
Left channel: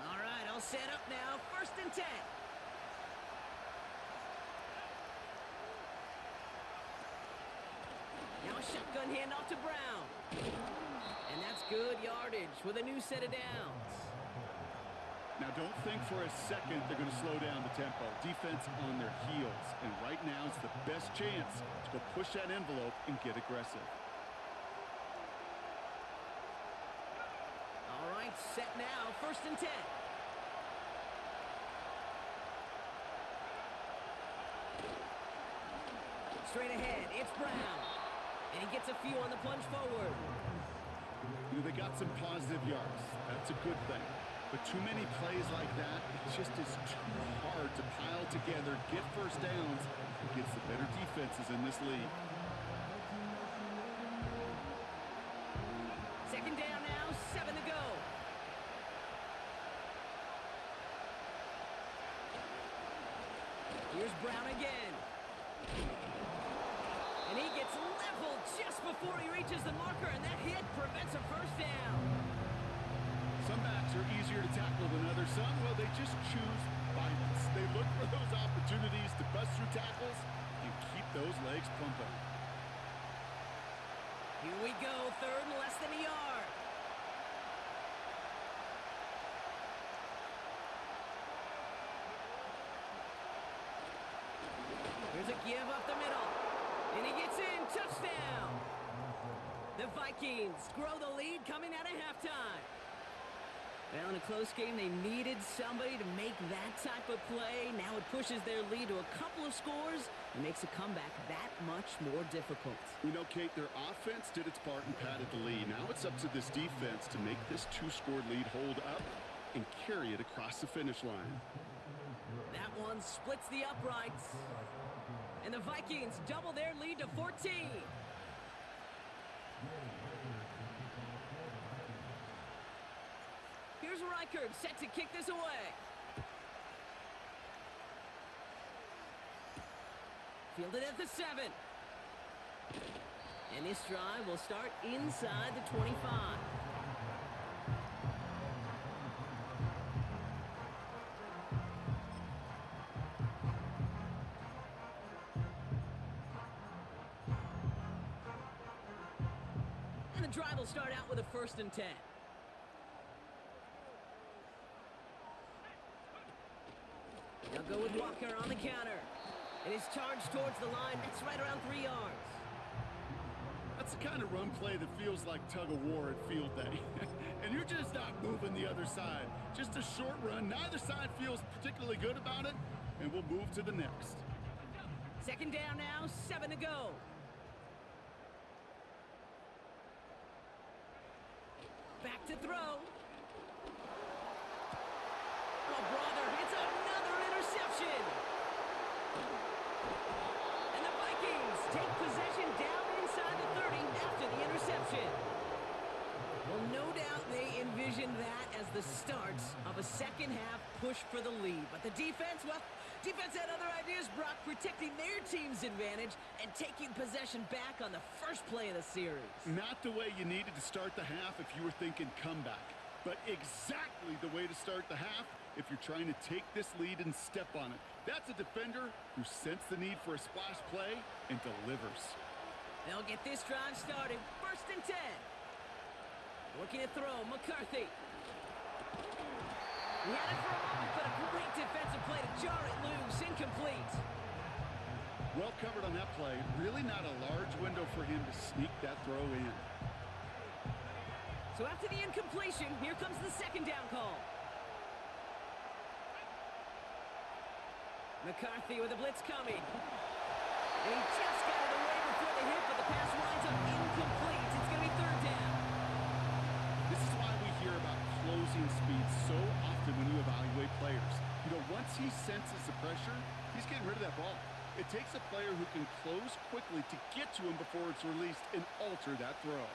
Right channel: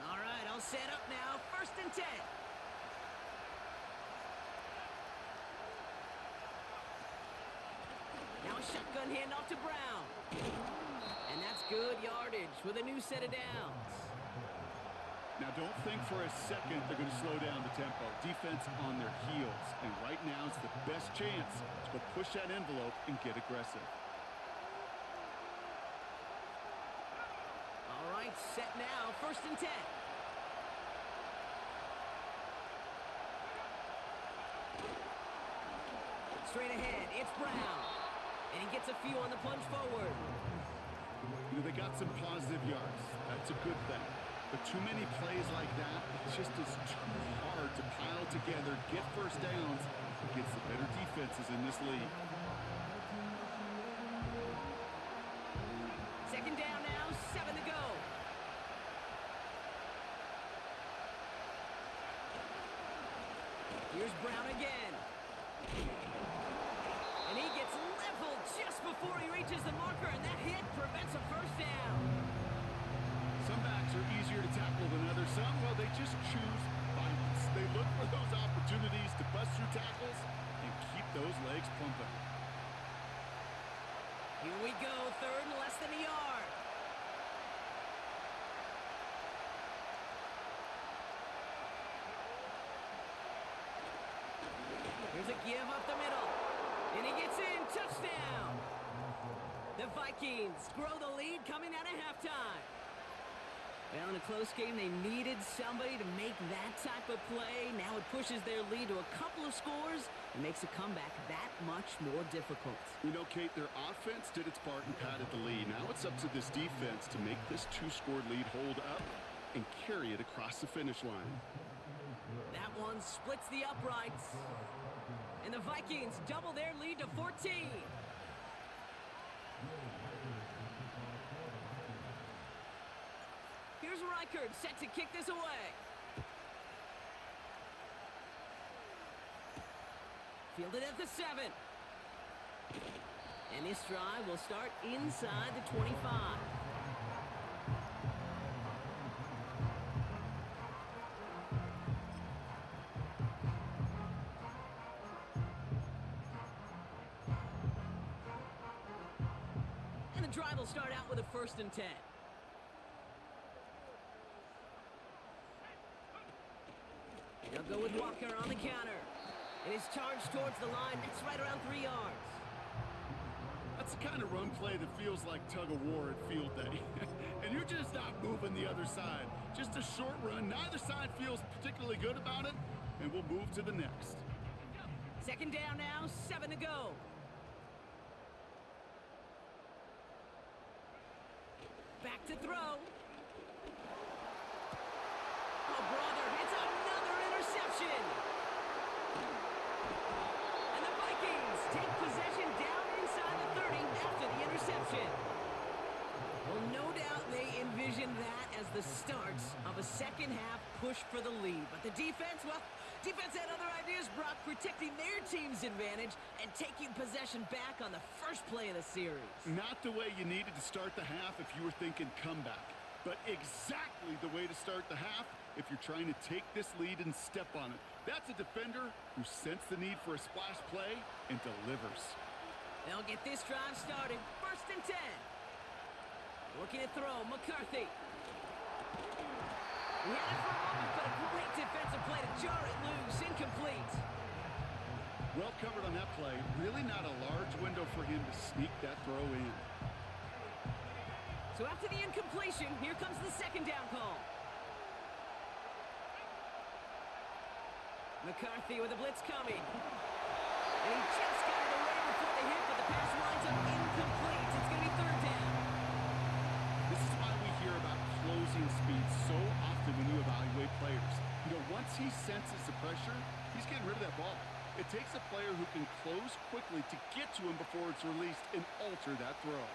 All right, I'll set up now. First and 10. Now a shotgun handoff to Brown. And that's good yardage with a new set of downs. Now, don't think for a second they're going to slow down the tempo. Defense on their heels. And right now is the best chance to go push that envelope and get aggressive. All right, set now. First and 10. Straight ahead, it's Brown. And he gets a few on the plunge forward. You know, they got some positive yards. That's a good thing. But too many plays like that, it just is too hard to pile together, get first downs against the better defenses in this league. Second down now, 7 to go. Here's Brown again. And he gets leveled just before he reaches the marker, and that hit prevents a first down. Some backs are easier to tackle than others. Some, well, they just choose violence. They look for those opportunities to bust through tackles and keep those legs pumping. Here we go, third and less than a yard. Here's a give up the middle. And he gets in, touchdown. The Vikings grow the lead coming out of halftime. Well, in a close game, they needed somebody to make that type of play. Now it pushes their lead to a couple of scores and makes a comeback that much more difficult. You know, Kate, their offense did its part and padded the lead. Now it's up to this defense to make this two-score lead hold up and carry it across the finish line. That one splits the uprights. And the Vikings double their lead to 14. Here's Reichard set to kick this away. Fielded at the 7. And this drive will start inside the 25. And the drive will start out with a 1st and 10. They'll go with Walker on the counter. And his charge towards the line, that's right around 3 yards. That's the kind of run play that feels like tug-of-war at field day. And you're just not moving the other side. Just a short run. Neither side feels particularly good about it. And we'll move to the next. 2nd down now, 7 to go. Back to throw. Oh, brother, it's another interception. And the Vikings take possession down inside the 30 after the interception. Well, no doubt they envisioned that as the start of a second-half push for the lead. But the defense, well, defense had other ideas, Brock, protecting their team's advantage and taking possession back on the first play of the series. Not the way you needed to start the half if you were thinking comeback, but exactly the way to start the half if you're trying to take this lead and step on it. That's a defender who sensed the need for a splash play and delivers. They'll get this drive started. 1st and 10. Looking to throw, McCarthy. He had it for a moment, but a great defensive play to jar it loose. Incomplete. Well covered on that play. Really not a large window for him to sneak that throw in. So after the incompletion, here comes the 2nd down call. McCarthy with a blitz coming. And he just got it away before the hit, but the pass winds up incomplete. It's going to be 3rd down. This is why we hear about closing speed so often when you evaluate players. You know, once he senses the pressure, he's getting rid of that ball. It takes a player who can close quickly to get to him before it's released and alter that throw.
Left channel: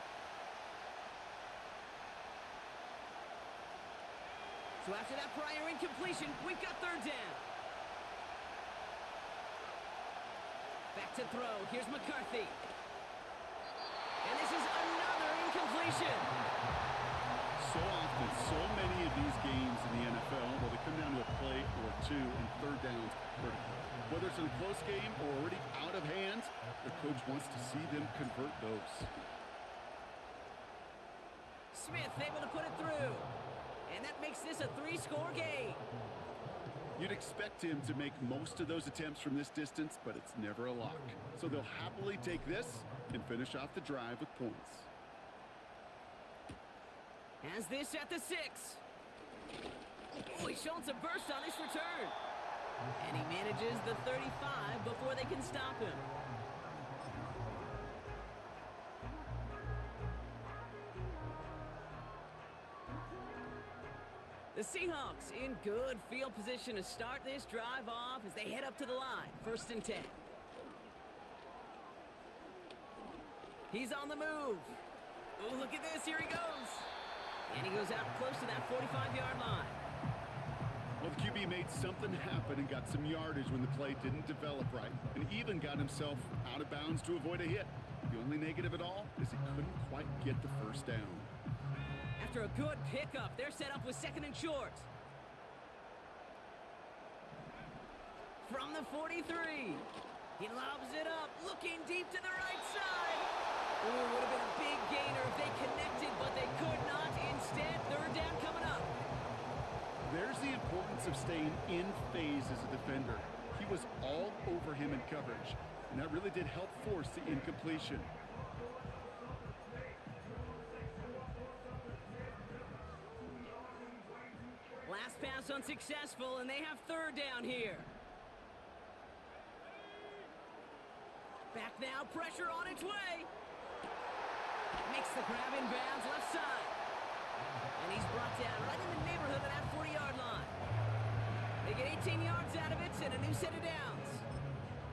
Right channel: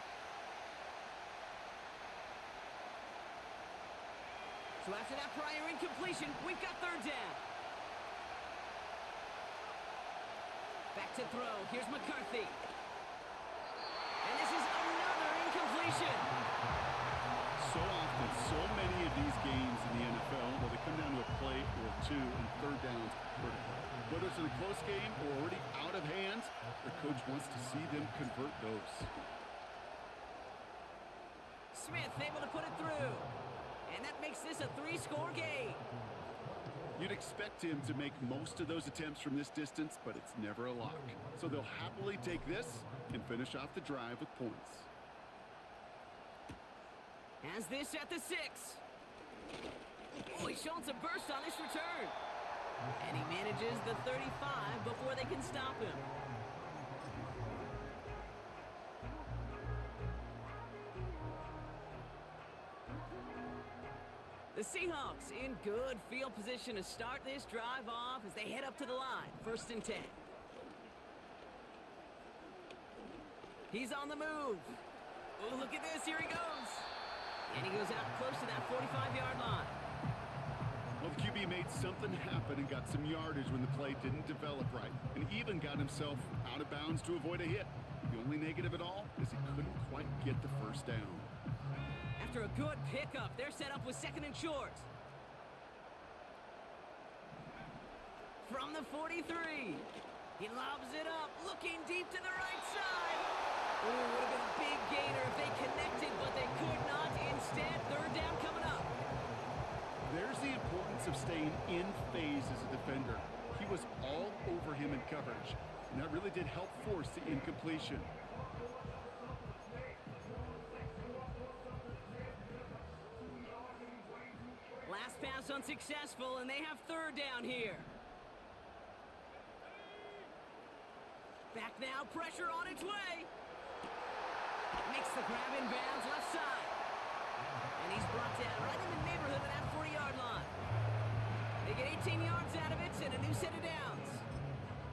So after that prior incompletion, we've got 3rd down. Back to throw. Here's McCarthy. And this is another incompletion. So often, so many of these games in the NFL, well, they come down to a play or two, and 3rd downs critical. Whether it's in a close game or already out of hands, their coach wants to see them convert those. Smith able to put it through. And that makes this a 3-score game. You'd expect him to make most of those attempts from this distance, but it's never a lock. So they'll happily take this and finish off the drive with points. Has this at the 6. Oh, he's showing some burst on this return. And he manages the 35 before they can stop him. The Seahawks in good field position to start this drive off as they head up to the line. 1st and 10. He's on the move. Oh, look at this. Here he goes. And he goes out close to that 45-yard line. Well, the QB made something happen and got some yardage when the play didn't develop right, and even got himself out of bounds to avoid a hit. The only negative at all is he couldn't quite get the 1st down. After a good pickup, they're set up with 2nd and short. From the 43. He lobs it up, looking deep to the right side. Ooh, would have been a big gainer if they connected, but they could not. Instead, third down coming up. There's the importance of staying in phase as a defender. He was all over him in coverage, and that really did help force the incompletion. Last pass unsuccessful, and they have third down here. Back now, pressure on its way. Makes the grab in bounds left side. And he's brought down right in the neighborhood of that 40-yard line. They get 18 yards out of it and a new set of downs.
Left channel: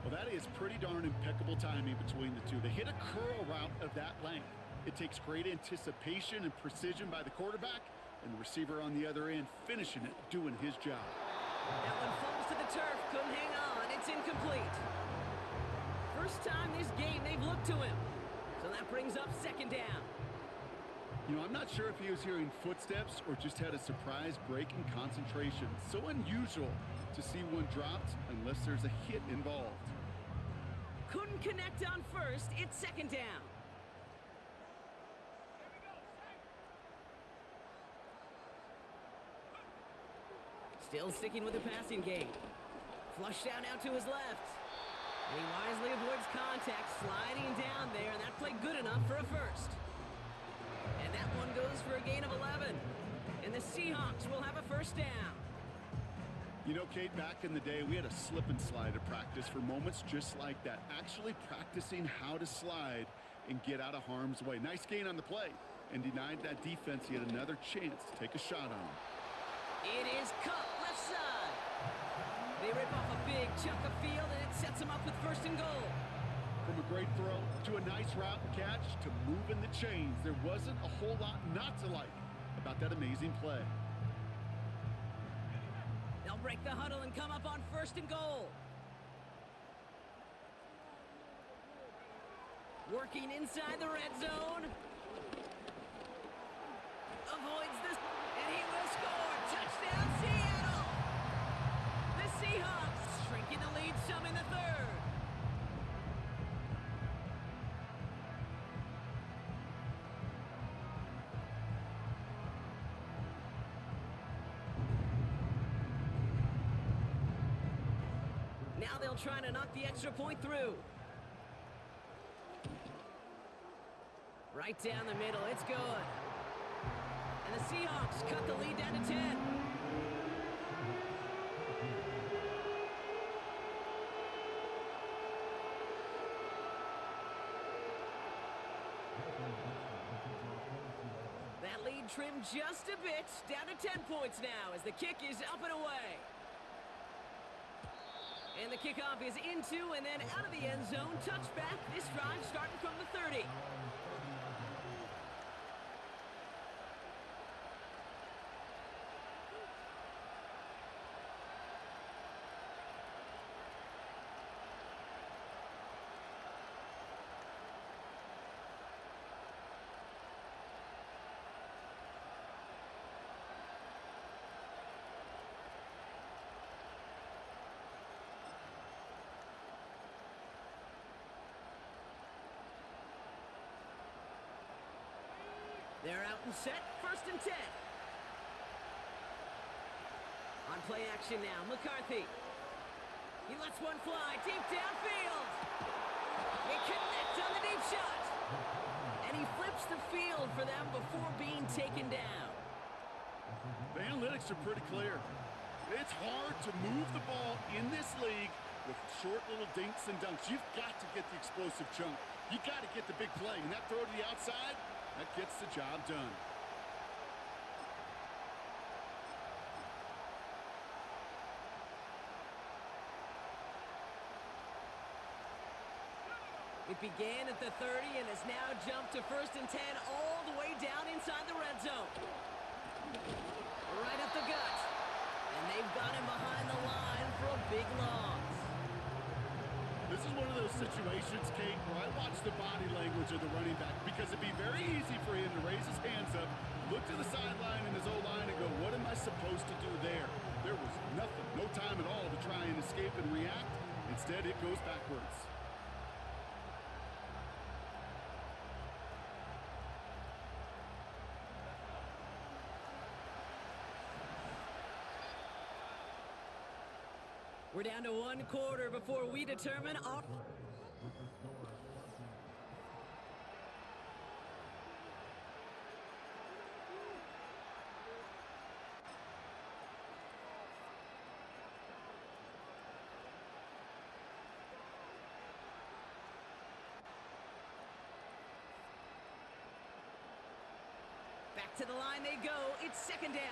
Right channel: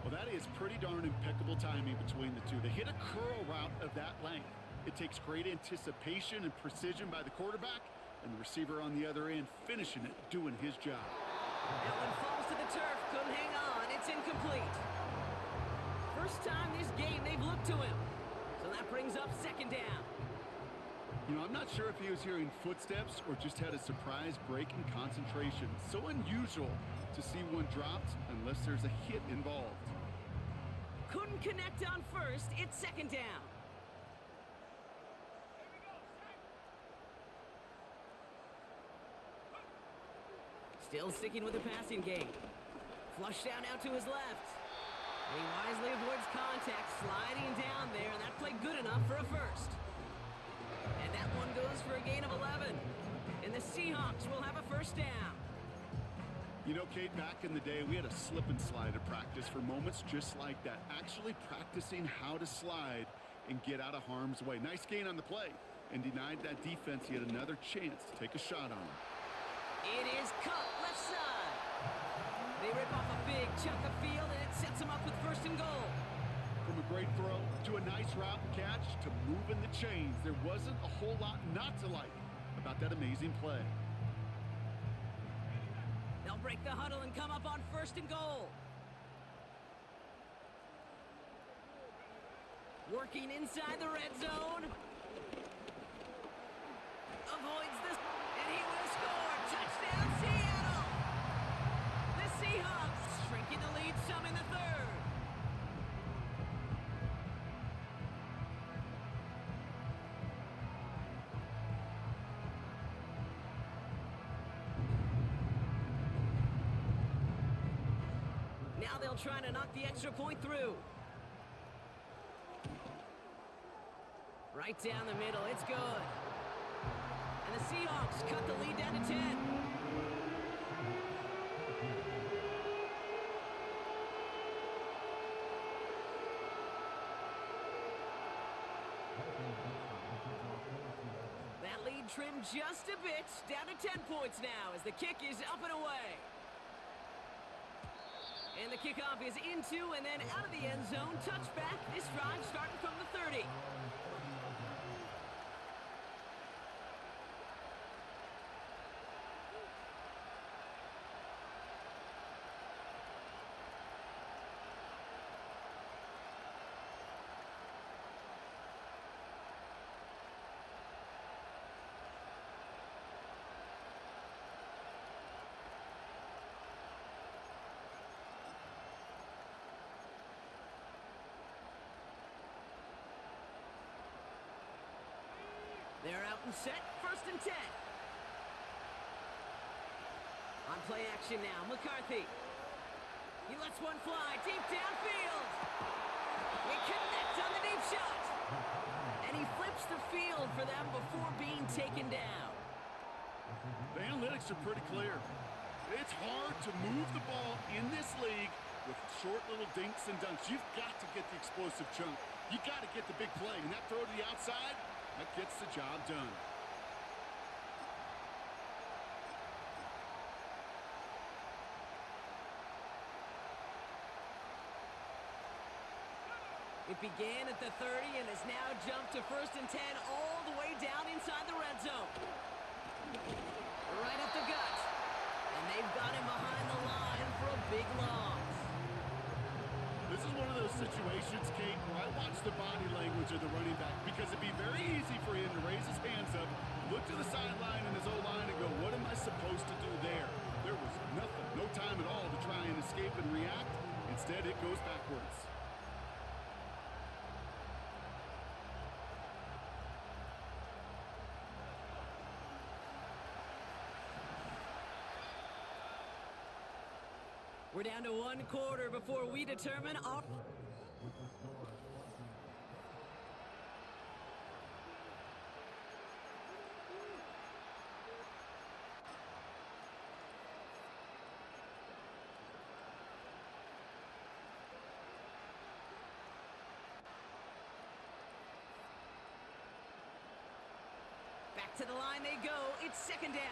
Well, that is pretty darn impeccable timing between the two. They hit a curl route of that length. It takes great anticipation and precision by the quarterback, and the receiver on the other end finishing it, doing his job. That one falls to the turf, couldn't hang on. It's incomplete. First time this game they've looked to him. So that brings up second down. You know, I'm not sure if he was hearing footsteps or just had a surprise break in concentration. So unusual to see one dropped unless there's a hit involved. Couldn't connect on first. It's second down. Still sticking with the passing game. Flush down out to his left. And he wisely avoids contact, sliding down there, and that played good enough for a first. And that one goes for a gain of 11. And the Seahawks will have a first down. You know, Kate, back in the day, we had a slip and slide at practice for moments just like that. Actually practicing how to slide and get out of harm's way. Nice gain on the play, and denied that defense yet another chance to take a shot on him. It is caught left side. They rip off a big chunk of field, and it sets them up with first and goal. From a great throw to a nice route and catch to moving the chains, there wasn't a whole lot not to like about that amazing play. They'll break the huddle and come up on first and goal. Working inside the red zone. Avoids this, and he will score. Touchdown, Seattle! The Seahawks shrinking the lead some in the third. Now they'll try to knock the extra point through. Right down the middle, it's good. And the Seahawks cut the lead down to 10. That lead trimmed just a bit, down to 10 points now as the kick is up and away. And the kickoff is into and then out of the end zone. Touchback, this drive starting from the 30. They're out and set, first and 10. On play action now, McCarthy. He lets one fly deep downfield. They connect on the deep shot. And he flips the field for them before being taken down. The analytics are pretty clear. It's hard to move the ball in this league with short little dinks and dunks. You've got to get the explosive chunk. You got to get the big play. And that throw to the outside, that gets the job done. It began at the 30 and has now jumped to first and 10 all the way down inside the red zone. Right up the gut. And they've got him behind the line for a big loss. This is one of those situations, Kate, where I watch the body language of the running back because it'd be very easy for him to raise his hands up, look to the sideline and his O-line and go, what am I supposed to do there? There was nothing, no time at all to try and escape and react. Instead, it goes backwards. We're down to one quarter before we determine our... Back to the line they go. It's second down.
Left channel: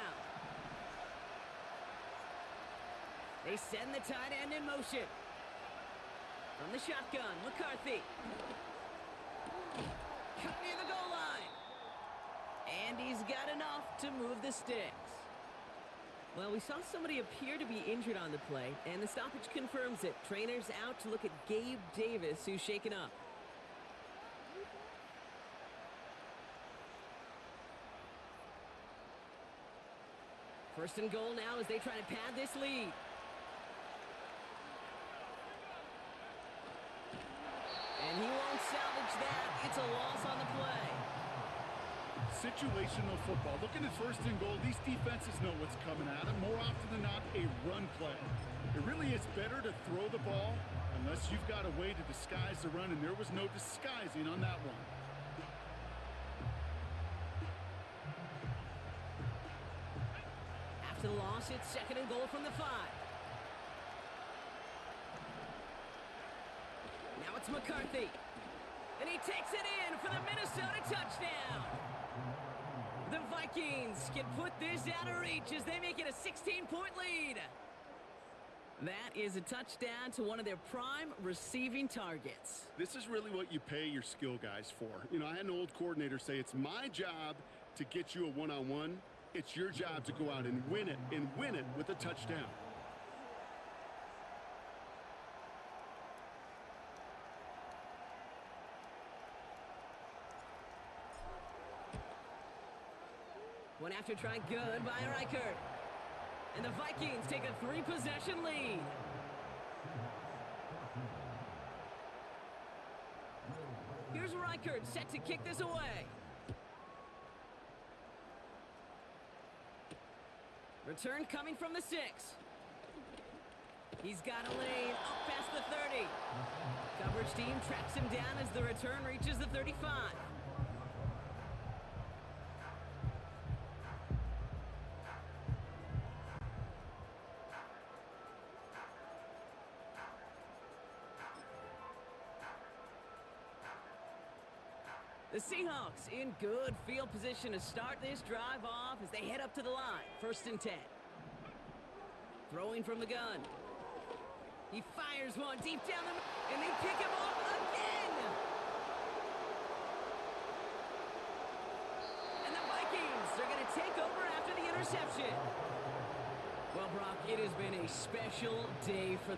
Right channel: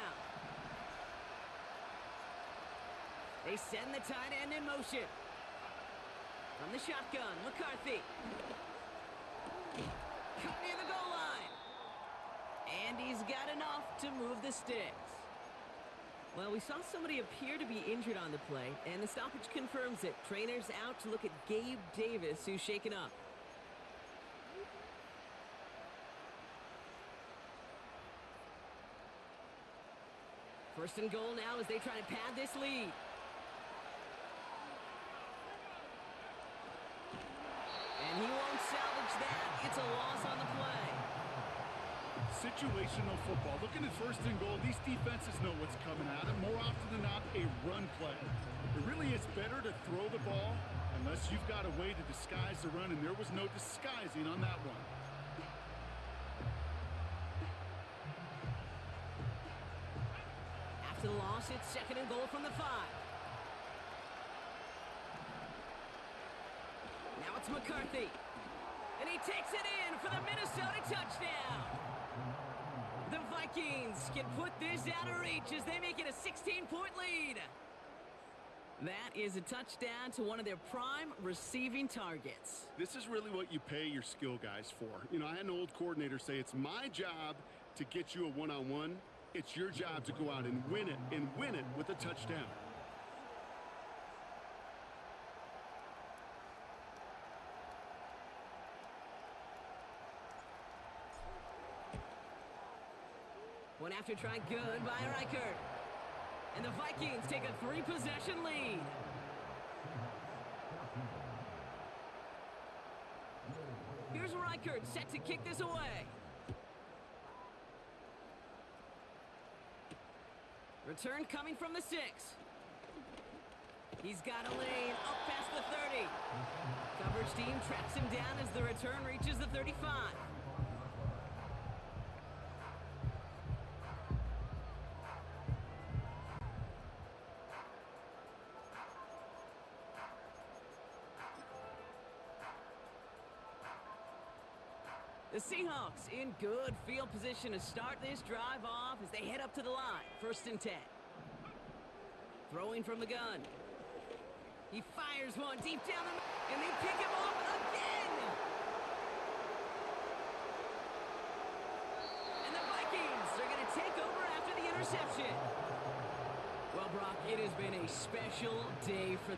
They send the tight end in motion. From the shotgun, McCarthy. Cut near the goal line. And he's got enough to move the sticks. Well, we saw somebody appear to be injured on the play, and the stoppage confirms it. Trainer's out to look at Gabe Davis, who's shaken up. First and goal now as they try to pad this lead. And he won't salvage that. It's a loss on the play. Situational football. Looking at first and goal, these defenses know what's coming at them. More often than not, a run play. It really is better to throw the ball unless you've got a way to disguise the run, and there was no disguising on that one. After the loss, it's second and goal from the 5. Now it's McCarthy. And he takes it in for the Minnesota touchdown. The Vikings can put this out of reach as they make it a 16-point lead. That is a touchdown to one of their prime receiving targets. This is really what you pay your skill guys for. You know, I had an old coordinator say it's my job to get you a one-on-one. It's your job to go out and win it with a touchdown. One after try good by Reichert. And the Vikings take a 3-possession lead. Here's Reichert set to kick this away. Return coming from the 6. He's got a lane up past the 30. Coverage team tracks him down as the return reaches the 35. The Seahawks in good field position to start this drive off as they head up to the line. First and 10. Throwing from the gun. He fires one deep down the... and they pick him off again! And the Vikings are going to take over after the interception. Well, Brock, it has been a special day for...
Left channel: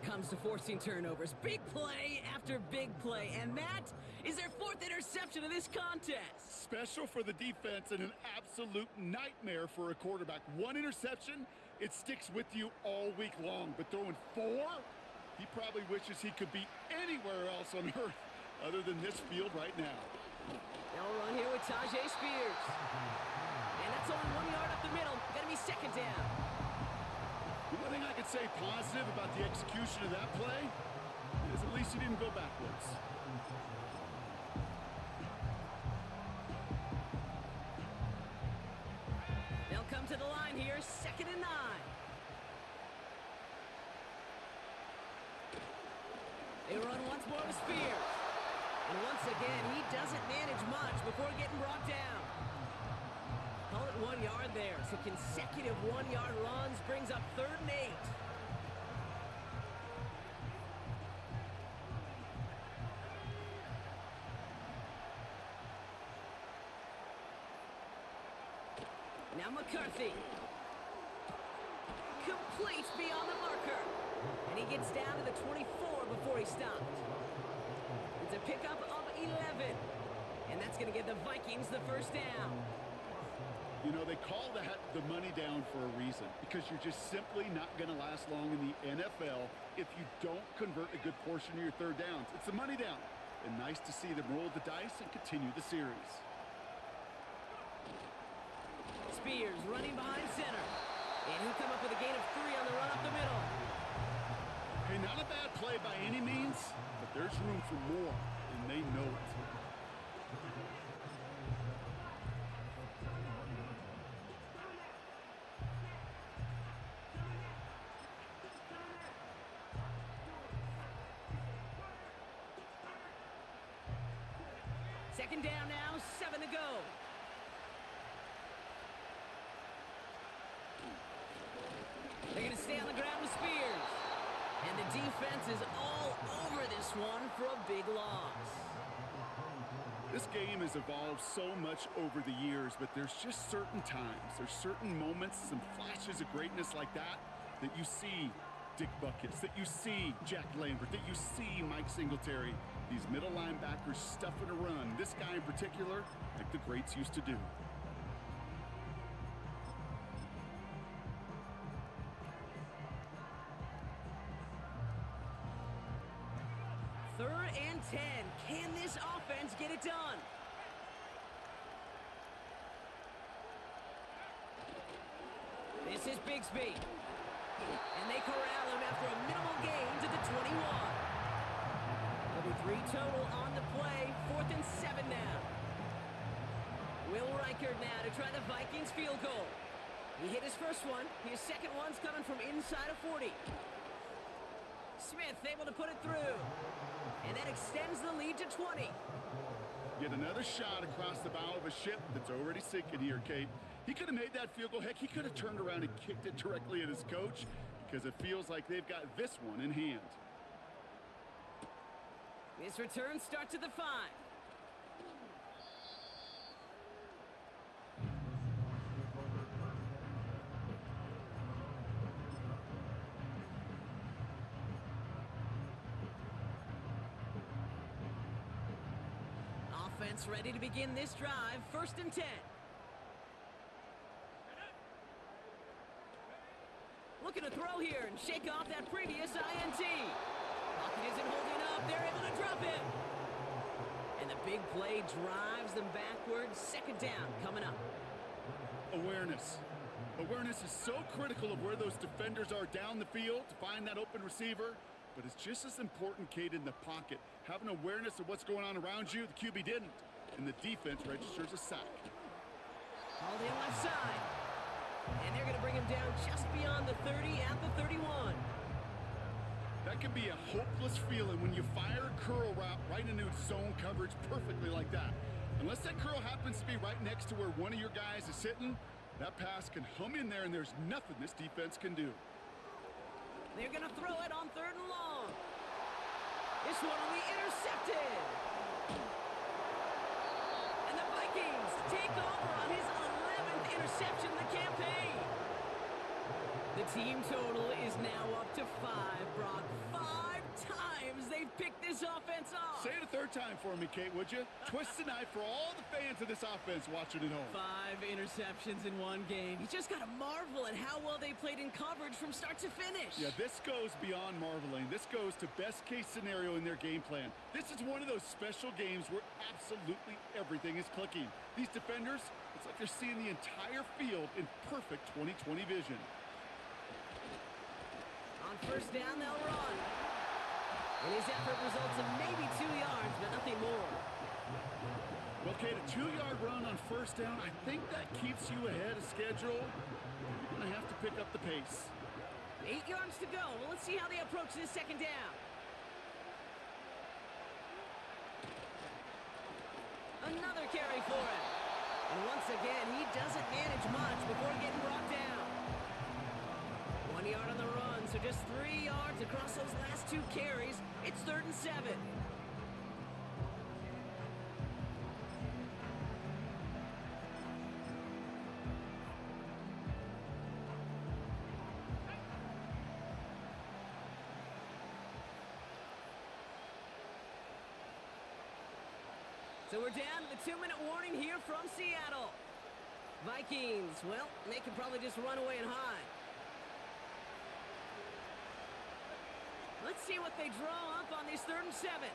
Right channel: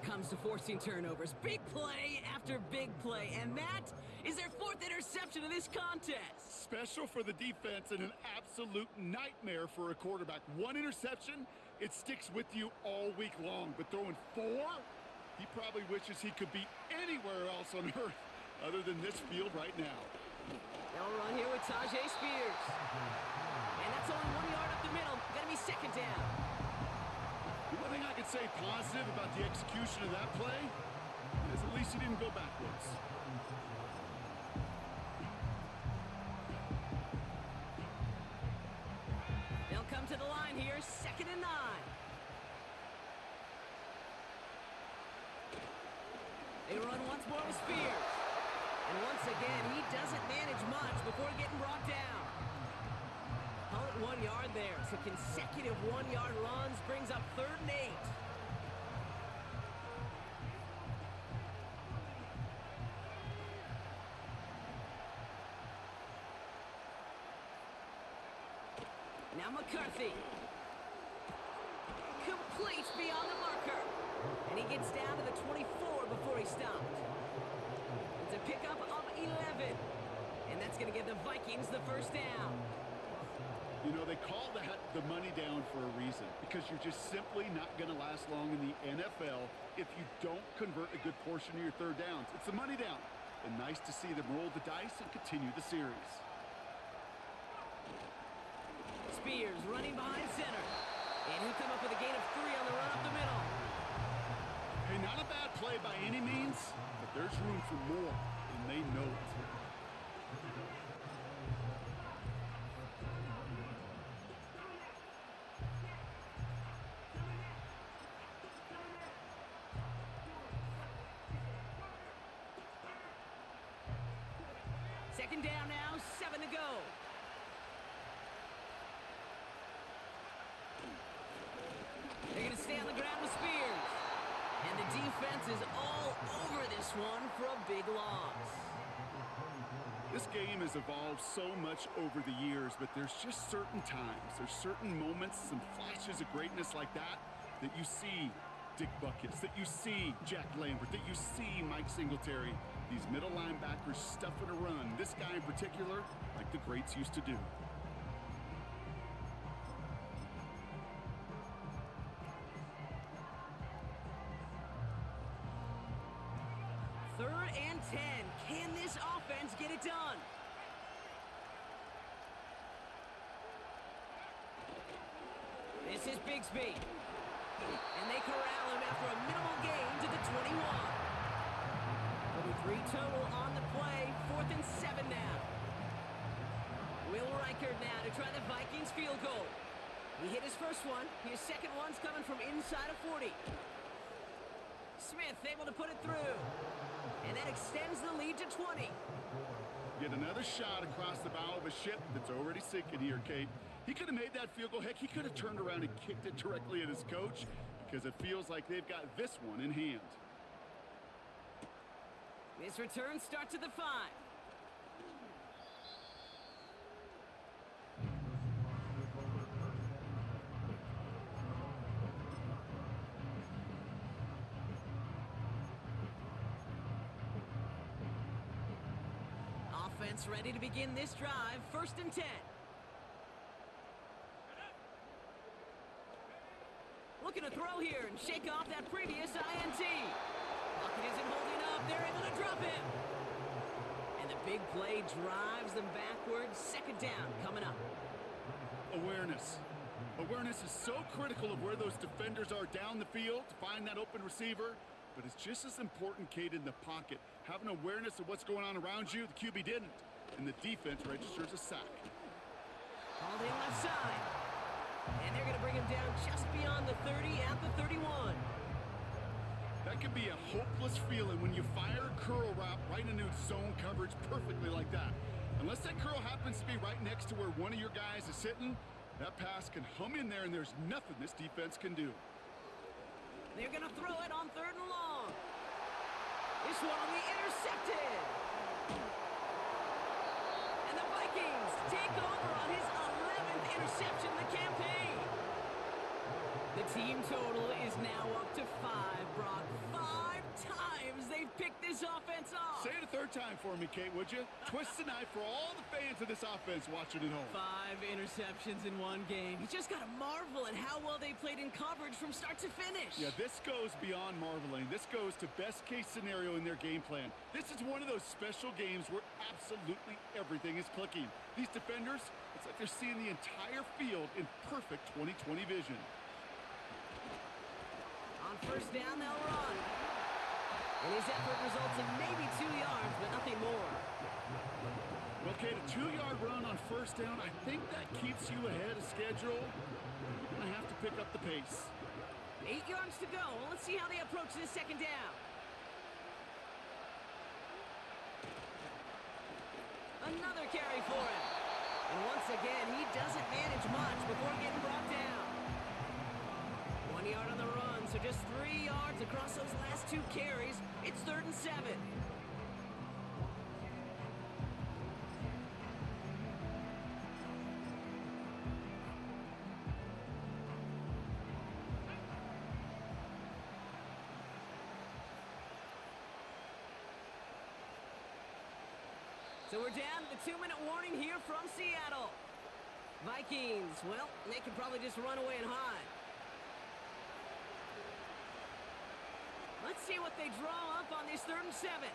it comes to forcing turnovers. Big play after big play, and that is their 4th interception of this contest. Special for the defense and an absolute nightmare for a quarterback. 1 interception, it sticks with you all week long. But throwing 4, he probably wishes he could be anywhere else on earth other than this field right now. They'll run here with Tajay Spears. And that's only 1 yard up the middle. Gonna be 2nd down. The one thing I could say positive about the execution of that play is at least he didn't go backwards. They'll come to the line here, 2nd and 9. They run once more with Spears. And once again, he doesn't manage much before getting brought down. Call it 1 yard there. So consecutive 1-yard runs brings up 3rd and 8. Now McCarthy. Complete beyond the marker. And he gets down to the 24 before he stopped. It's a pickup of 11. And that's going to give the Vikings the 1st down. You know, they call that the money down for a reason, because you're just simply not going to last long in the NFL if you don't convert a good portion of your 3rd downs. It's the money down. And nice to see them roll the dice and continue the series. Spears running behind center. And he'll come up with a gain of 3 on the run up the middle. Hey, not a bad play by any means, but there's room for more, and they know it. Second down now, 7 to go. They're going to stay on the ground with Spears. And the defense is all over this one for a big loss. This game has evolved so much over the years, but there's just certain times, there's certain moments, some flashes of greatness like that, that you see Dick Buckets, that you see Jack Lambert, that you see Mike Singletary. These middle linebackers stuffing a run. This guy in particular, like the greats used to do. Third and 10. Can this offense get it done? This is Bigsby. And they corral him after a minimal gain to the 21. There'll be 3 total on the play. 4th and 7 now. Will Reichard now to try the Vikings field goal. He hit his first one. His second one's coming from inside of 40. Smith able to put it through. And that extends the lead to 20. Yet another shot across the bow of a ship that's already sinking here, Kate. He could have made that field goal. Heck, he could have turned around and kicked it directly at his coach, because it feels like they've got this one in hand. This return starts at the 5. Offense ready to begin this drive. 1st and 10. Looking to throw here and shake off that previous INT. Pocket isn't holding up. They're able to drop him. And the big play drives them backwards. 2nd down coming up. Awareness. Awareness is so critical of where those defenders are down the field to find that open receiver. But it's just as important, Kate, in the pocket. Having awareness of what's going on around you, the QB didn't. And the defense registers a sack. Called in left side. And they're going to bring him down just beyond the 30 at the 31. That can be a hopeless feeling when you fire a curl route right into zone coverage perfectly like that. Unless that curl happens to be right next to where one of your guys is sitting, that pass can hum in there and there's nothing this defense can do. They're going to throw it on 3rd and long. This one will be intercepted. And the Vikings take over on his 11th interception of the campaign. The team total is now up to 5, Brock. 5 times they've picked this offense off. Say it a third time for me, Kate, would you? Twist the knife for all the fans of this offense watching at home. 5 interceptions in one game. You just got to marvel at how well they played in coverage from start to finish. Yeah, this goes beyond marveling. This goes to best-case scenario in their game plan. This is one of those special games where absolutely everything is clicking. These defenders, it's like they're seeing the entire field in perfect 20/20 vision. On first down, they'll run. And his effort results in maybe 2 yards, but nothing more. Well, Kate, a 2-yard run on first down, I think that keeps you ahead of schedule. You're going to have to pick up the pace. 8 yards to go. Let's see how they approach this second down. Another carry for him. And once again, he doesn't manage much before getting brought down. 1 yard on the run, so just 3 yards across those last 2 carries. It's 3rd and 7. So we're down to the 2-minute warning here from Seattle. Vikings, well, they can probably just run away and hide. Let's see what they draw up on this 3rd and 7.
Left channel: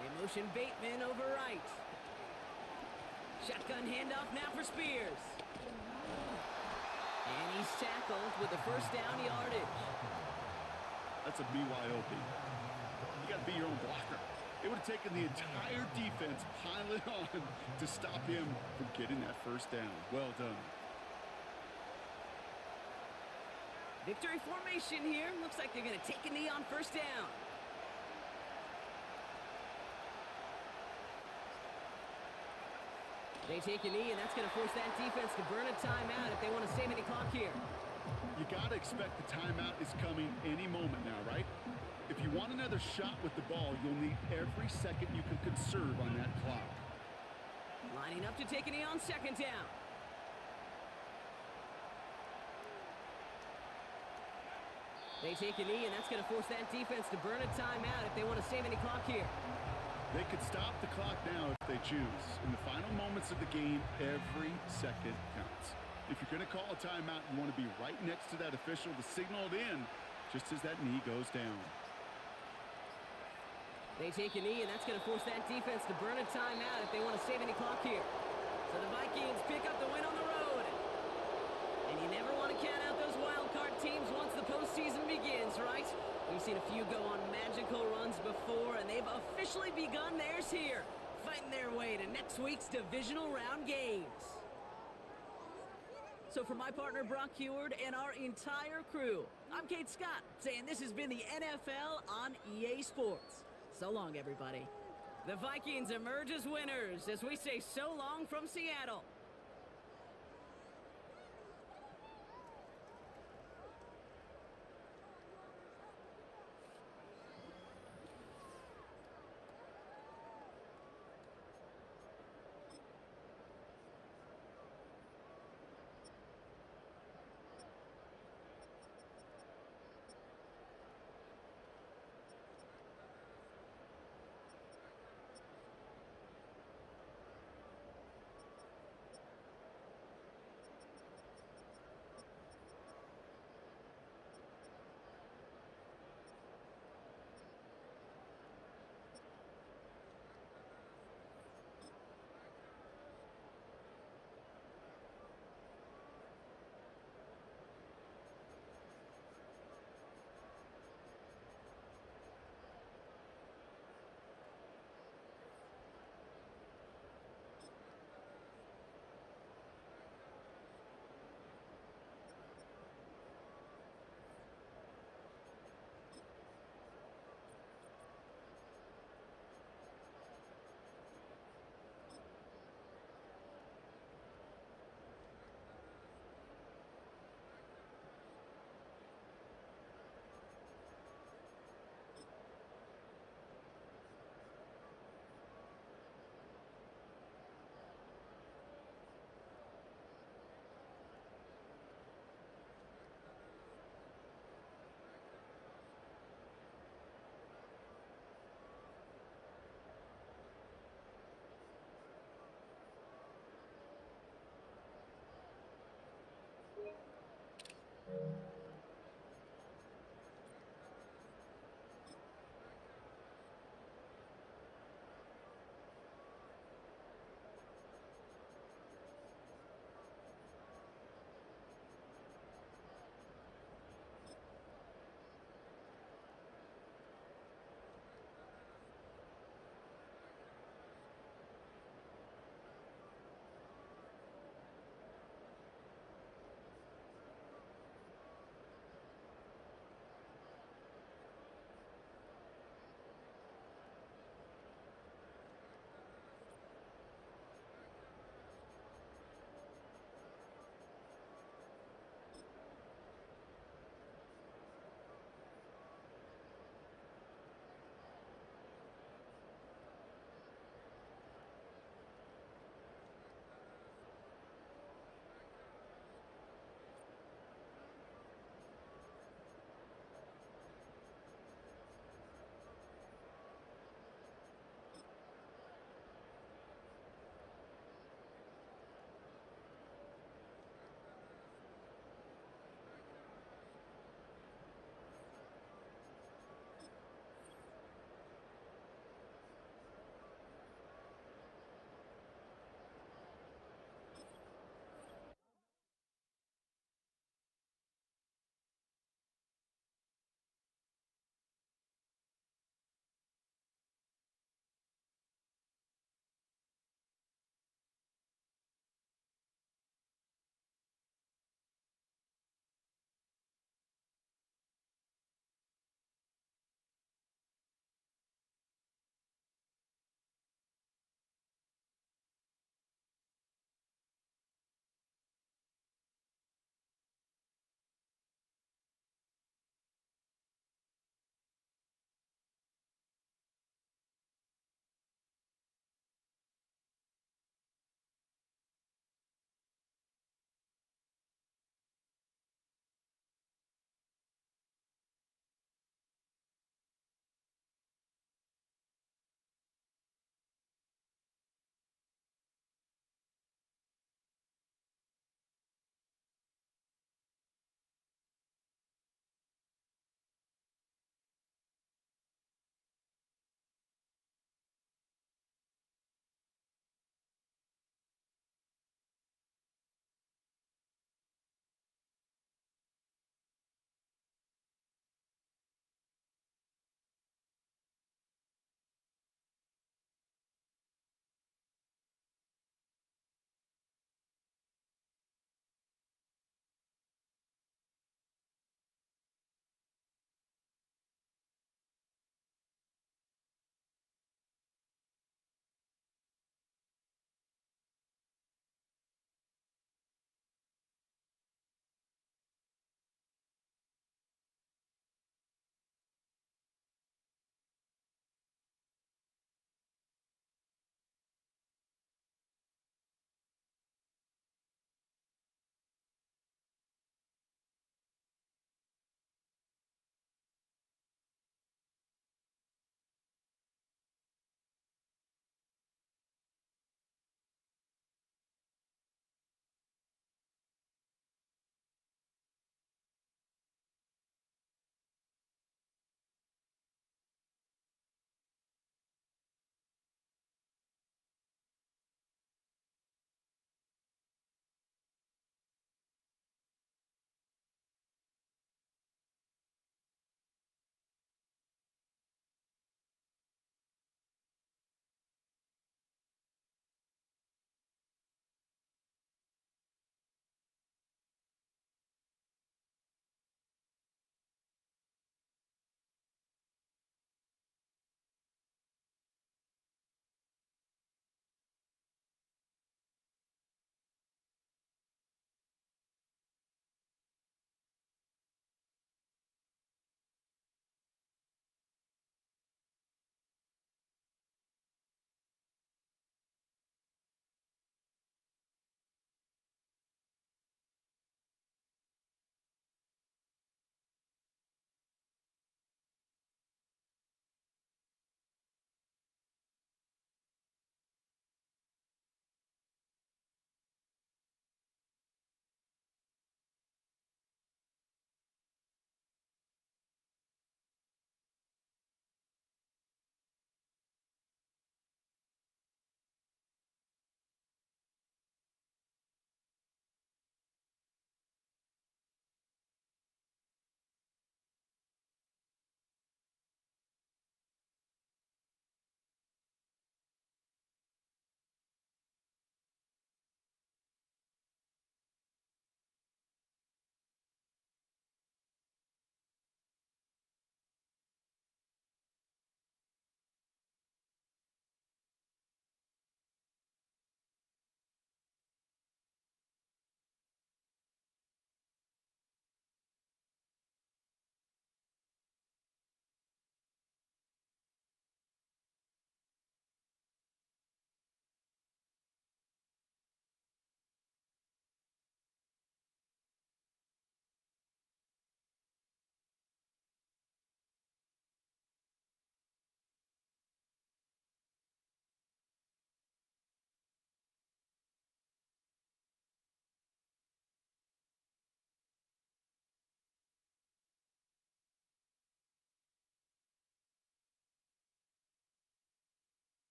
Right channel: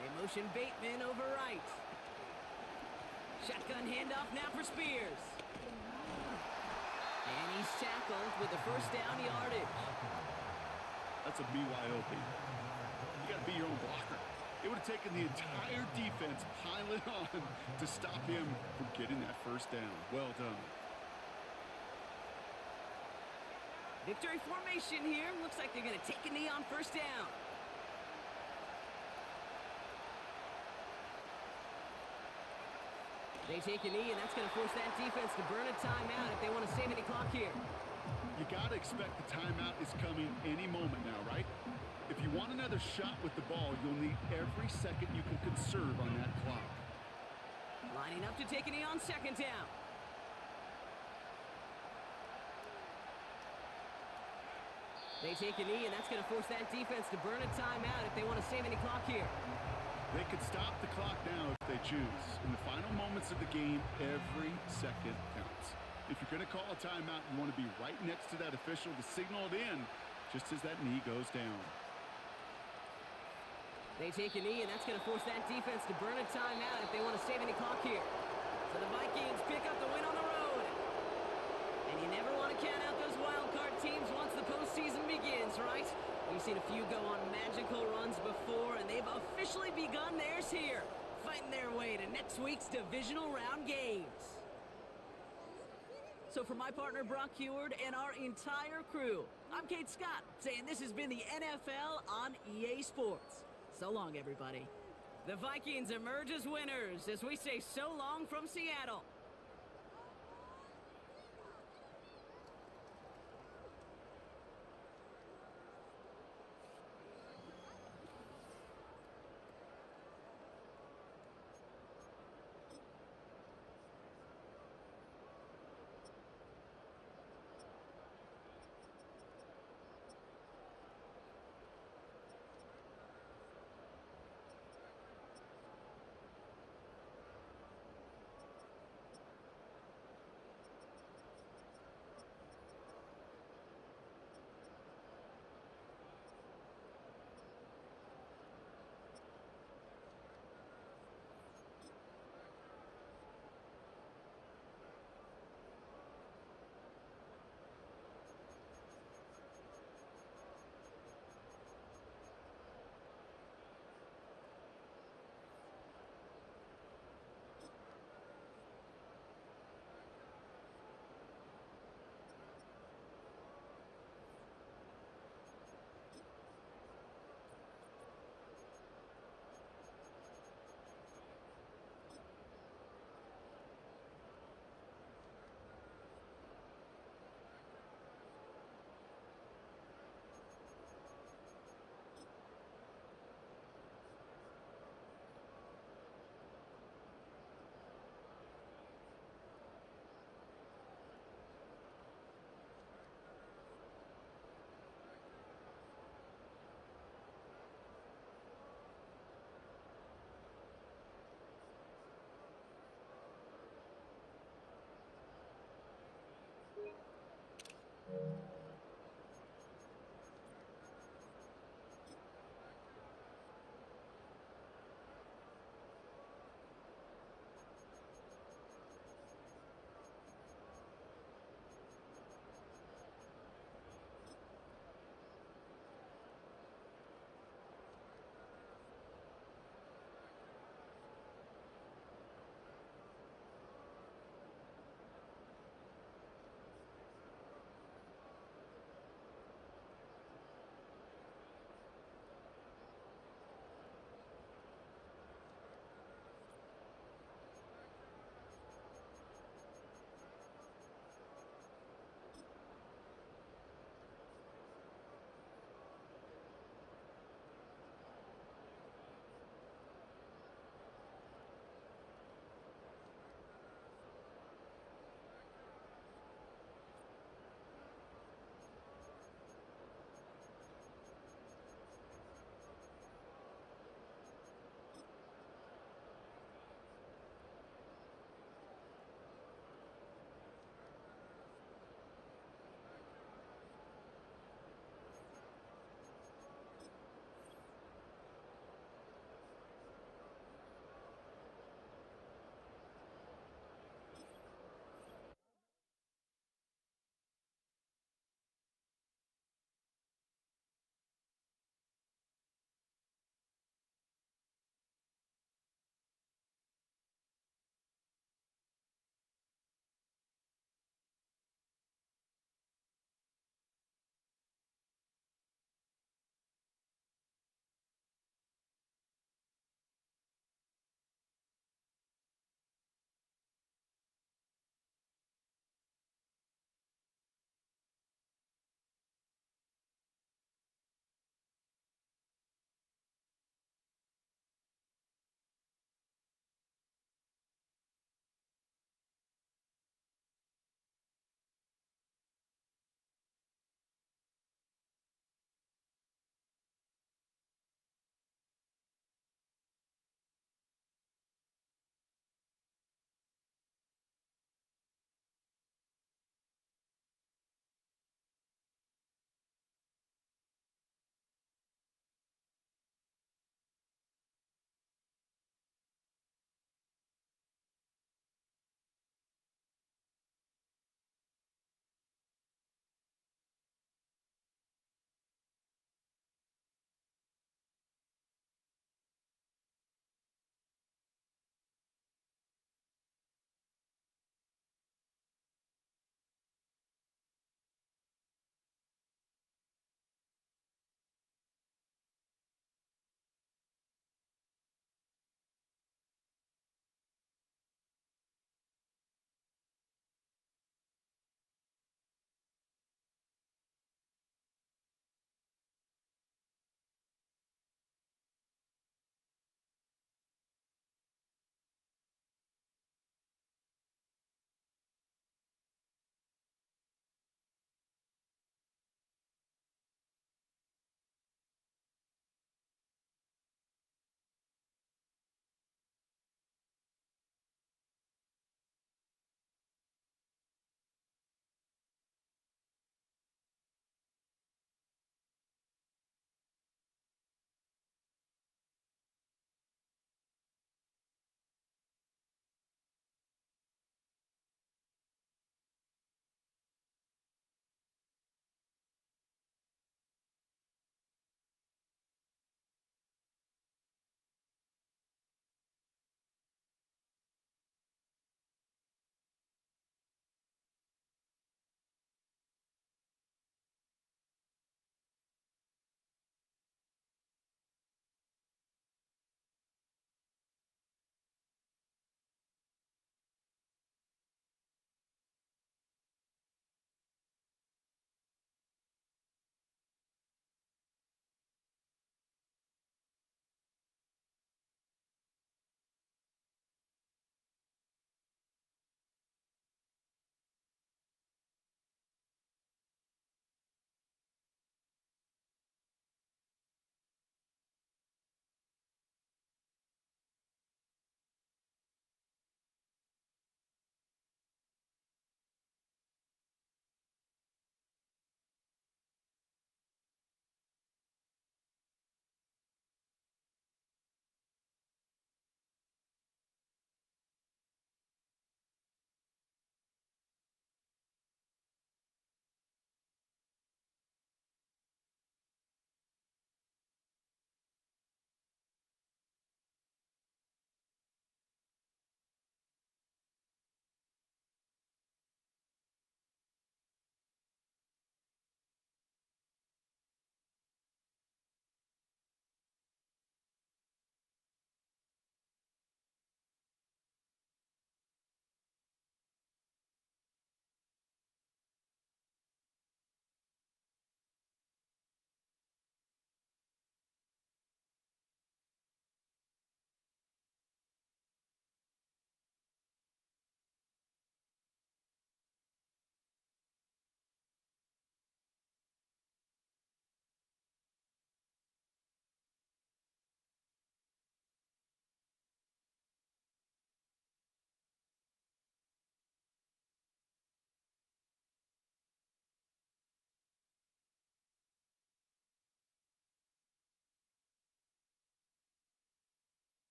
They motion Bateman over right. Shotgun handoff now for Spears. And he's tackled with the first down yardage. That's a BYOB. You got to be your own blocker. It would have taken the entire defense piling on to stop him from getting that first down. Well done. Victory formation here. Looks like they're going to take a knee on first down. They take a knee, and that's going to force that defense to burn a timeout if they want to save any clock here. You got to expect the timeout is coming any moment now, right? If you want another shot with the ball, you'll need every second you can conserve on that clock. Lining up to take a knee on second down. They take a knee, and that's going to force that defense to burn a timeout if they want to save any clock here. They could stop the clock now if they choose. In the final moments of the game, every second counts. If you're going to call a timeout, you want to be right next to that official to signal it in just as that knee goes down. They take a knee, and that's going to force that defense to burn a timeout if they want to save any clock here. So the Vikings pick up the win on the road. And you never want to count out those wild card teams once the postseason begins, right? We've seen a few go on magical runs before, and they've officially begun theirs here, fighting their way to next week's divisional round games. So for my partner Brock Heward and our entire crew, I'm Kate Scott, saying this has been the NFL on EA Sports. So long, everybody. The Vikings emerge as winners as we say so long from Seattle.